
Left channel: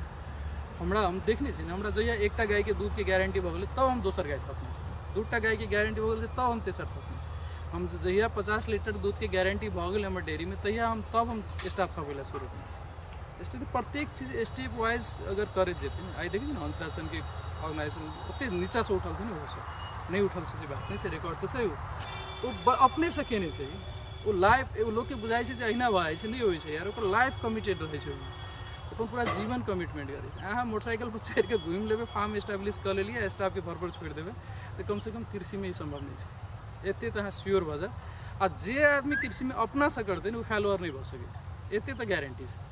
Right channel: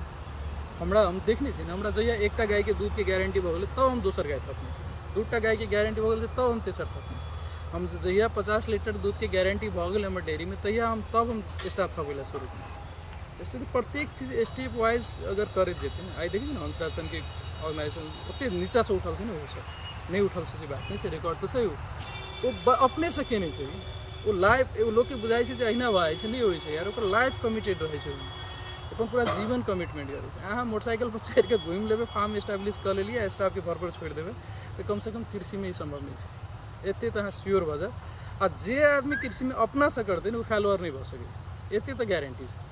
हमरा हम देखने छी, हमरा जहिया एकटा गाय के दूध के गारंटी भऽ गेलै तब हम दोसर गाय थपने छी, 2टा गाय के गारंटी भऽ गेलै तब हम तेसर थपने छी। हम जहिया 50 लीटर दूध के गारंटी भऽ गेलै हमर डेयरी में तहिया हम स्टाफ थपैला शुरू केलियै। इसलिए प्रत्येक चीज स्टेप वाइज अगर करैत जेतै ने, आइ देखिए ना हंसराज के ऑर्गेनाइजेशन ओते नीचा से उठल छै ने, वो सब नहीं उठल से बात नहीं छै, रिकॉर्ड तो सही हो, वो अपने से केने छै। वो लाइफ लोग के बुझाई छै जे अहिना भाई छै, नहीं होइ छै यार, ओकर लाइफ कमिटेड रहै छै, अपन पूरा जीवन कमिटमेंट करे छै। अहाँ मोटरसाइकिल पर चढ़ के घूम लेबै, फार्म एस्टाब्लिश कर लेलिए, स्टाफ के घर पर छोड़ देबै, तो कम से कम कृषि में ही संभव नहीं है। एते तो अहाँ श्योर भऽ जाए। आ जे आदमी कृषि में अपना से करते वो फेलुअर नहीं भऽ सकै छै, एते तो गारंटी छै।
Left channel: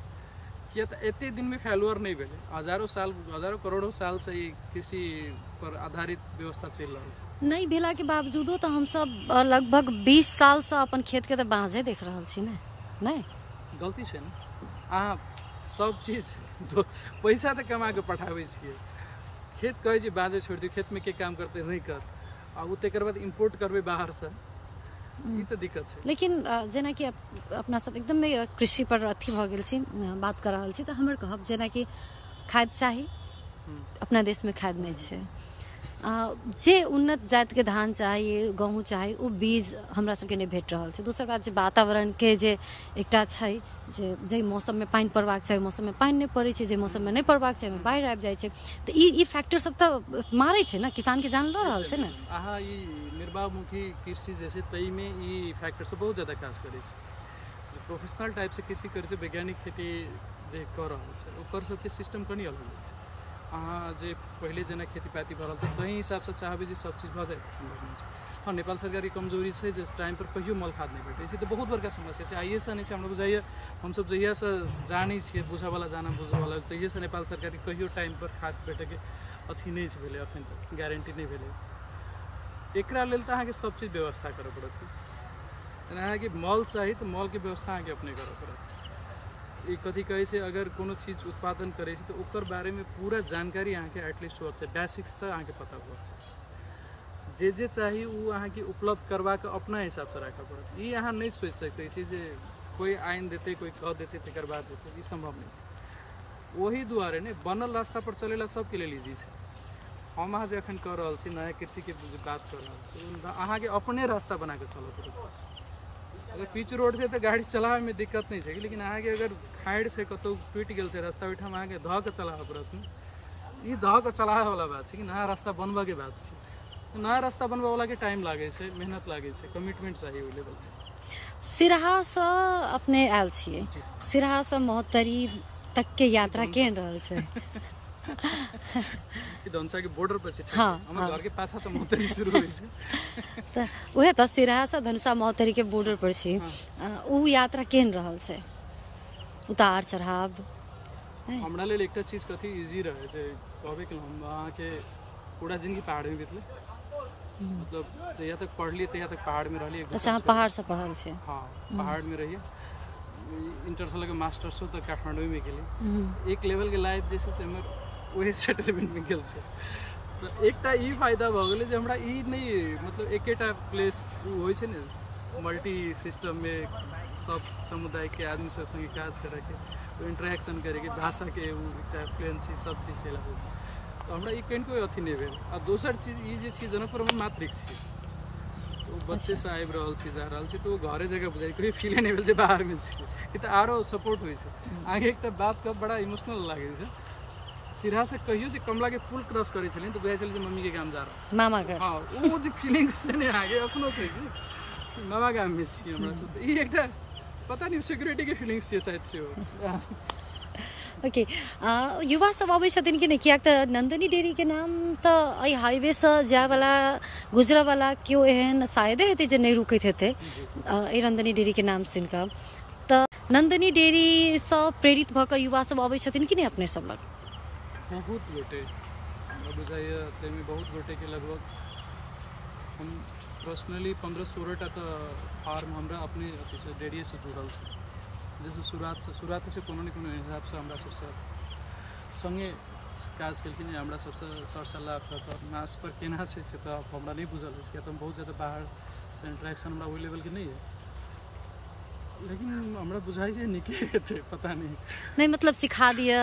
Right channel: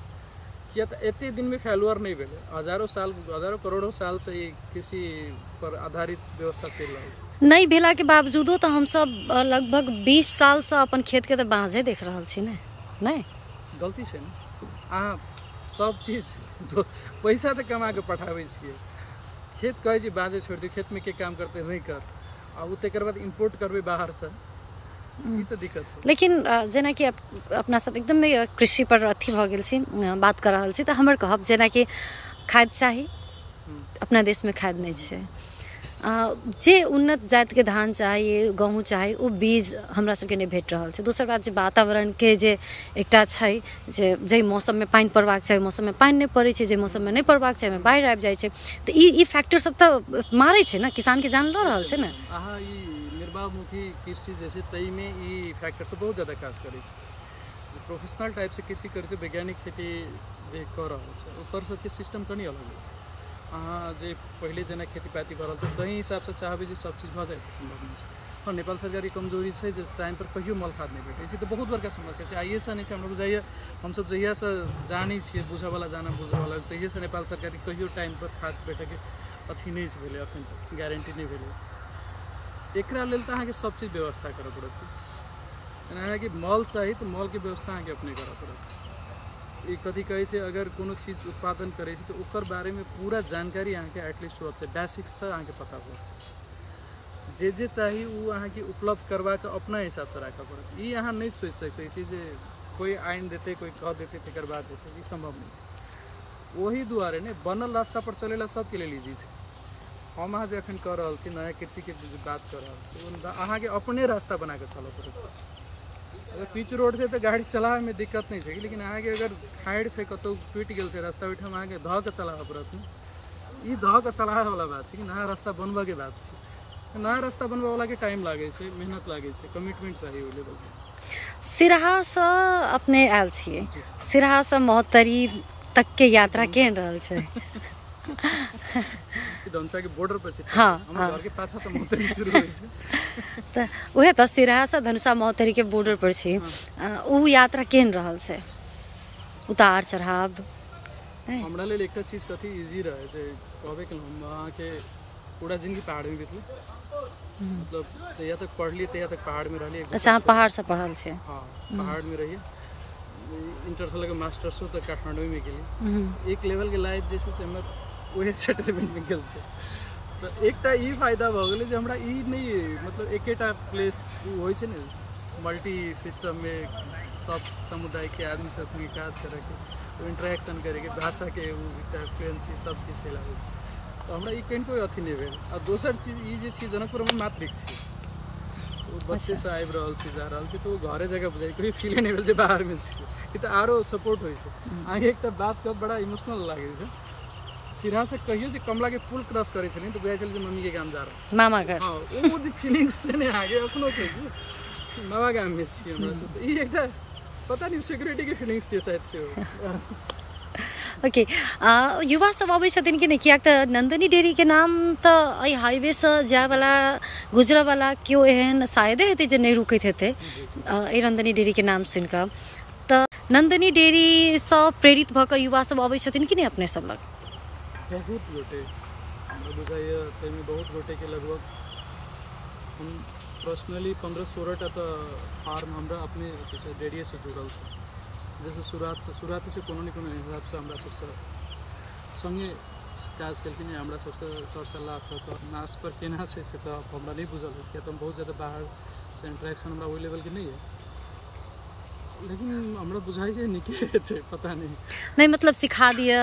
किया तऽ एते दिन में फेलुअर नहीं भेलै, हजारों करोड़ों साल से ये कृषि पर आधारित व्यवस्था चल रहा है। नहीं भेला के बावजूदो तो हम सब लगभग 20 साल से अपन खेत के तो बाँझे देख रहल छी ने। नहीं गलती छै ने, अहाँ सब चीज पैसा तो कमा के पठाबै छियै, खेत कहै छी बाँझे छोड़ दियौ, खेत में के काम करते नहीं कर, आ उ तकर बाद इम्पोर्ट करबै बाहर से, ई तो दिक्कत छै। लेकिन जेना कि अपना सब एकदम कृषि पर अथी भऽ गेल छी, बात कर रहल छी, तऽ हमर कहब जेना कि खाद चाही, अपना देश में खाद नहीं छै। जे उन्नत जात के धान चाही, गेहूँ चाही, वो बीज हमरा सबके नहीं भेट रहल छै। दोसर बात जे वातावरण के जे एकटा छै जे मौसम में पानि पड़बाक चाही मौसम में पानि नहीं पड़ै छै, जे मौसम में नहीं पड़बाक चाही में बाढ़ि आबि जाइ छै। तऽ ई फैक्टर सब तऽ मारै छै ने, किसान के जान लऽ रहल छै ने। अहाँ ई निर्वाहमुखी कृषि जे छै तई में ई फैक्टर से बहुत ज्यादा काज करै छै। जे प्रोफेशनल टाइप से कृषि करै छै, वैज्ञानिक खेती जे कऽ रहल छै ओकर सबके सिस्टम कनी अलग होइ छै। अहाँ जे पहले जेना खेती पाती भऽ रहल छै तही हिसाब से चाहबै जे सब चीज भऽ जाए संभव नहीं छै। हाँ, नेपाल सरकार की कमजोरी छै जे टाइम पर कहियो मल खाद नहीं भेटै छै, तो बहुत बड़का समस्या छै। आइए से नहीं छै, हमरा बुझाइए हमसब जहिया से जानै छियै, बुझऽवाला जाना बुझऽवाला, तहिए से नेपाल सरकार की कहियो टाइम पर खाद भेटै के अथी नहीं भेलै, अखन तक गारंटी नहीं भेलै। एकरा लेल तऽ अहाँके सब चीज व्यवस्था करऽ पड़त। अहाँके मॉल चाही तऽ मॉल के व्यवस्था अहाँके अपने करऽ पड़त। ई कथी कहै छै, अगर कोनो चीज उत्पादन करै छै तऽ ओकर बारे में पूरा जानकारी अहाँके एटलीस्ट होत छै, बेसिक्स तक अहाँके पता होत छै। जे चाही उ अहाँके उपलब्ध करवा के अपना हिसाब से राखऽ पड़त। ई अहाँ नहीं सोच सकै छी जे कोई आइन देते, कोई कह देते, तकर बाद देते, ई संभव नहीं छै। वही दुआरे ने बनल रास्ता पर चलेला सबके लेल इजी छै। हम अहाँ जे एखन कऽ रहल छी नया कृषि के बात कऽ रहल छी, अहाँके अपने रास्ता बना के चलऽ पड़त। अगर पिच रोड छै तऽ गाड़ी चलावे में दिक्कत नहीं छै, लेकिन अहाँके अगर खाइड़ छै, कतौ टूटि गेल छै रास्ता, ओहिठाम अहाँके धऽ के चलाबऽ पड़त। ई धऽ के चलावे वाला बात छै कि नया रास्ता बनबऽ के बात छै। नया रास्ता बनबऽ वाला के टाइम लागे छै, मेहनत लागे छै, कमिटमेंट चाहिए ओइ लेवल पे। सिराहा से अपने आयल छियै, सिराहा से महोत्तरी तक के यात्रा केहन रहल छै? धनसा के बॉर्डर पर छै। हाँ, हमर घर के पाछा से महोत्तरी शुरू होइ छै। तऽ उहे तऽ सिराहा से धनुषा महोत्तरी के बॉर्डर पर छी। उ यात्रा केहन रहल छै? उतार चढ़ाव? हमरा लेल एकटा चीज कथी इजी रहे जे कहबे कि हम अहाँ के पूरा जिंदगी पहाड़ में बीतल, मतलब जहिया तक पढ़लिए तहिया तक पहाड़ में रहलिए। अच्छा, अहाँ पहाड़ से पढ़ल छै? हाँ, पहाड़ में रहिए। इंटर के मास्टर्स हो तो काठमांडू में गेली एक लेवल के लाइफ जैसे से हमर ओहे सेटलमेंट में गेल से तो एकटा ई फायदा भ गेलै जे हमरा ई नहीं मतलब एकेटा प्लेस होइ छै ने मल्टी सिस्टम में सब समुदाय के आदमी सब संगे काज करे के इंटरेक्शन करे के भाषा के फ्लुएंसी सब चीज चला तो हमरा ई कहीं अथी नहीं भेल आ दोसर चीज ई जे छै जनकपुर में मातृक छी तो बच्चे से आबि रहल छी जा रहल छी तो घरे जगह बुझाई कोई फील नहीं भेल जे बाहर में छी ई तो आरो सपोर्ट होइ छै आगे एकटा बात के बड़ा इमोशनल लागे छै सिरा से कहियो जे कमला के पुल क्रॉस करे छलिन तो बुझाई छल जे मम्मी के गाम जा रहा मामा घर हां ओ जे फीलिंग्स से ने आगे अखनो छै कि मामा गाम में छी हमरा से ई एकटा पता नहीं सिक्योरिटी के फीलिंग्स छै शायद छै ओके युवा सब अबै छथिन कि नहीं कियाक त नंदिनी डेयरी के नाम त एहि हाईवे से जाय वाला गुजरे वाला क्यों एहन शायदे हेतै जे नहीं रुकैत हेतै एहि नंदिनी डेयरी के नाम सुनि कऽ त नंदिनी डेयरी से प्रेरित भ कऽ युवा सब अबै छथिन कि नहीं अपने सब लग बहुत गोटे हमरा बुझाइए ताहिमे बहुत गोटे के लगभग हम पर्सनली 15-16 टा तो फार्म हमरा अपने अथी से डेयरी से जुड़ल छै जैसे शुरुआत से कोनो न कोनो हिसाब से हमरा सबसे संगे काज केलखिन हमरा सबसे सर सलाह मास पर केना छै से तो हमरा नहीं बुझल है किया तो बहुत ज़्यादा बाहर से इंटरेक्शन हमरा वही लेवल के नहीं है लेकिन हमरा बुझाई छै निके हेतै पता नहीं मतलब सिखा दिए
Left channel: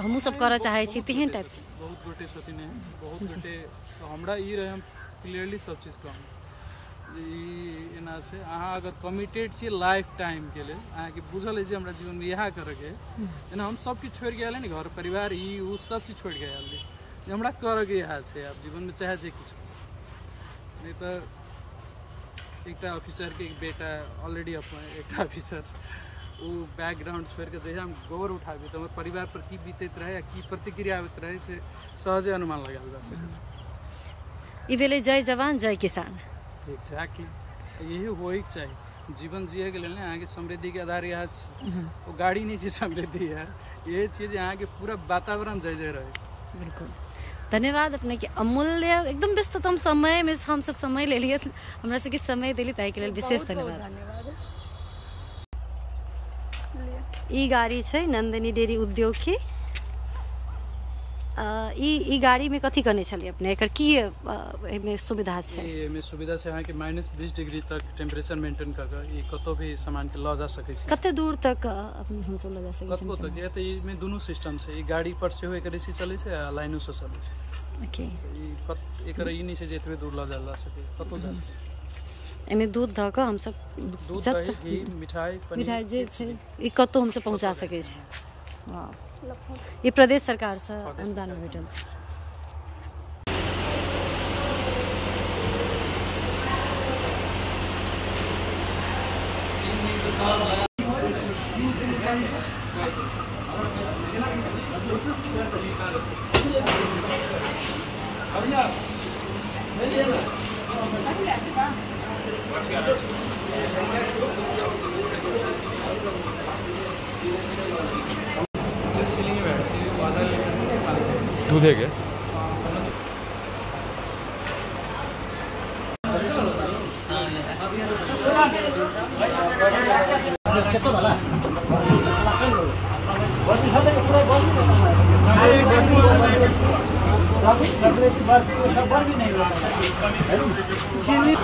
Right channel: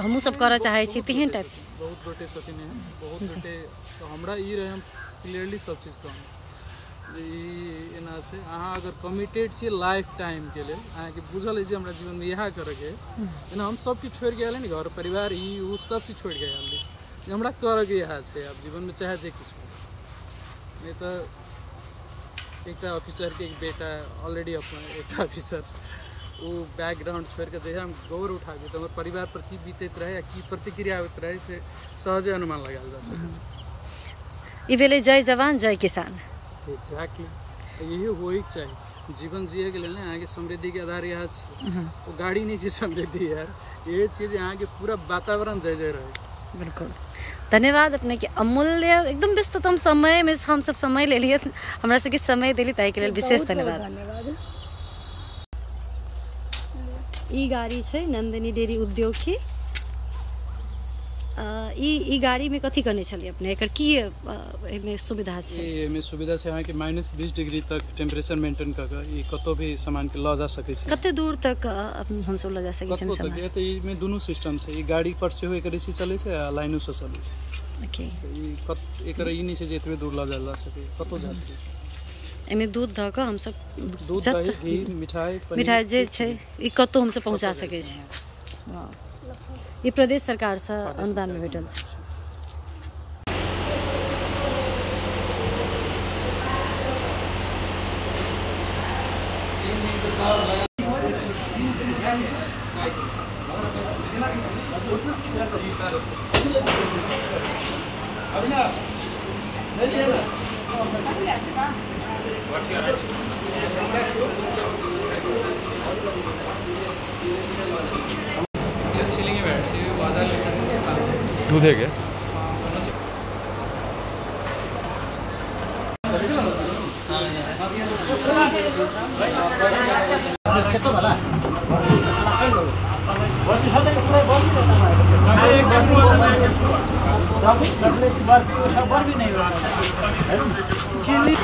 हमहूँ सब करऽ चाहे छी तेहन टाइप बहुत गोटे छथिन बहुत गोटे तो हमरा ई रहे हम क्लियरली सब चीज कहूँ एना से अहाँ अगर कमिटेड छी लाइफ टाइम के लिए अहाँ के बुझल है हमरा जीवन में यह करे के एना हम सब चीज छोड़ के आयल घर परिवार ई उ सब चीज छोड़ के आयल हमरा करे के यह छै अब जीवन में चाहे जे कुछ नहीं तो एक ऑफिसर के एक बेटा ऑलरेडी अपन एक ऑफिसर वो बैकग्राउंड छोड़ के जैसे हम गोबर उठा दे तो हमारे परिवार पर की बीतत रहे या की प्रतिक्रिया होत रहे से सहजे अनुमान लगाल जा सके ई भेलै जय जवान जय किसान एग्जैक्टली यही होइक चाहिए जीवन जिए के लिए यहाँ के समृद्धि के आधार यहाँ वो गाड़ी नहीं चाहिए समृद्धि यार ये चीज़ यहाँ के पूरा वातावरण जय जय रहे बिल्कुल धन्यवाद अपने के अमूल्य एकदम व्यस्ततम समय में हम सब समय ले लिए हमरा सबके समय दिली ताहि के लेल विशेष धन्यवाद ई गाड़ी छै नंदिनी डेयरी उद्योग की ई गाड़ी में कथी करने छलिए अपने एकर की एमे सुविधा छै एमे सुविधा छै अहाँ के -20 डिग्री तक टेम्परेचर मेंटेन क के ई कतो भी सामान के ल जा सकै छी कते दूर तक हम सब ल जा सकै छी सामान ये तो ई में दोनों सिस्टम छै ई गाड़ी पर से एकर एसी चले छै आ लाइनो से चले छै ओके ई एकर ई नहीं छै जे एतबे दूर ल जा सके कतो जा सके एमे दूध ध के हम सब दूध दही घी मिठाई जे छै ई कतो हम सब पहुंचा सकै छी वाह ये प्रदेश सरकार से अनुदान में भेटल छै दूध है क्या नहीं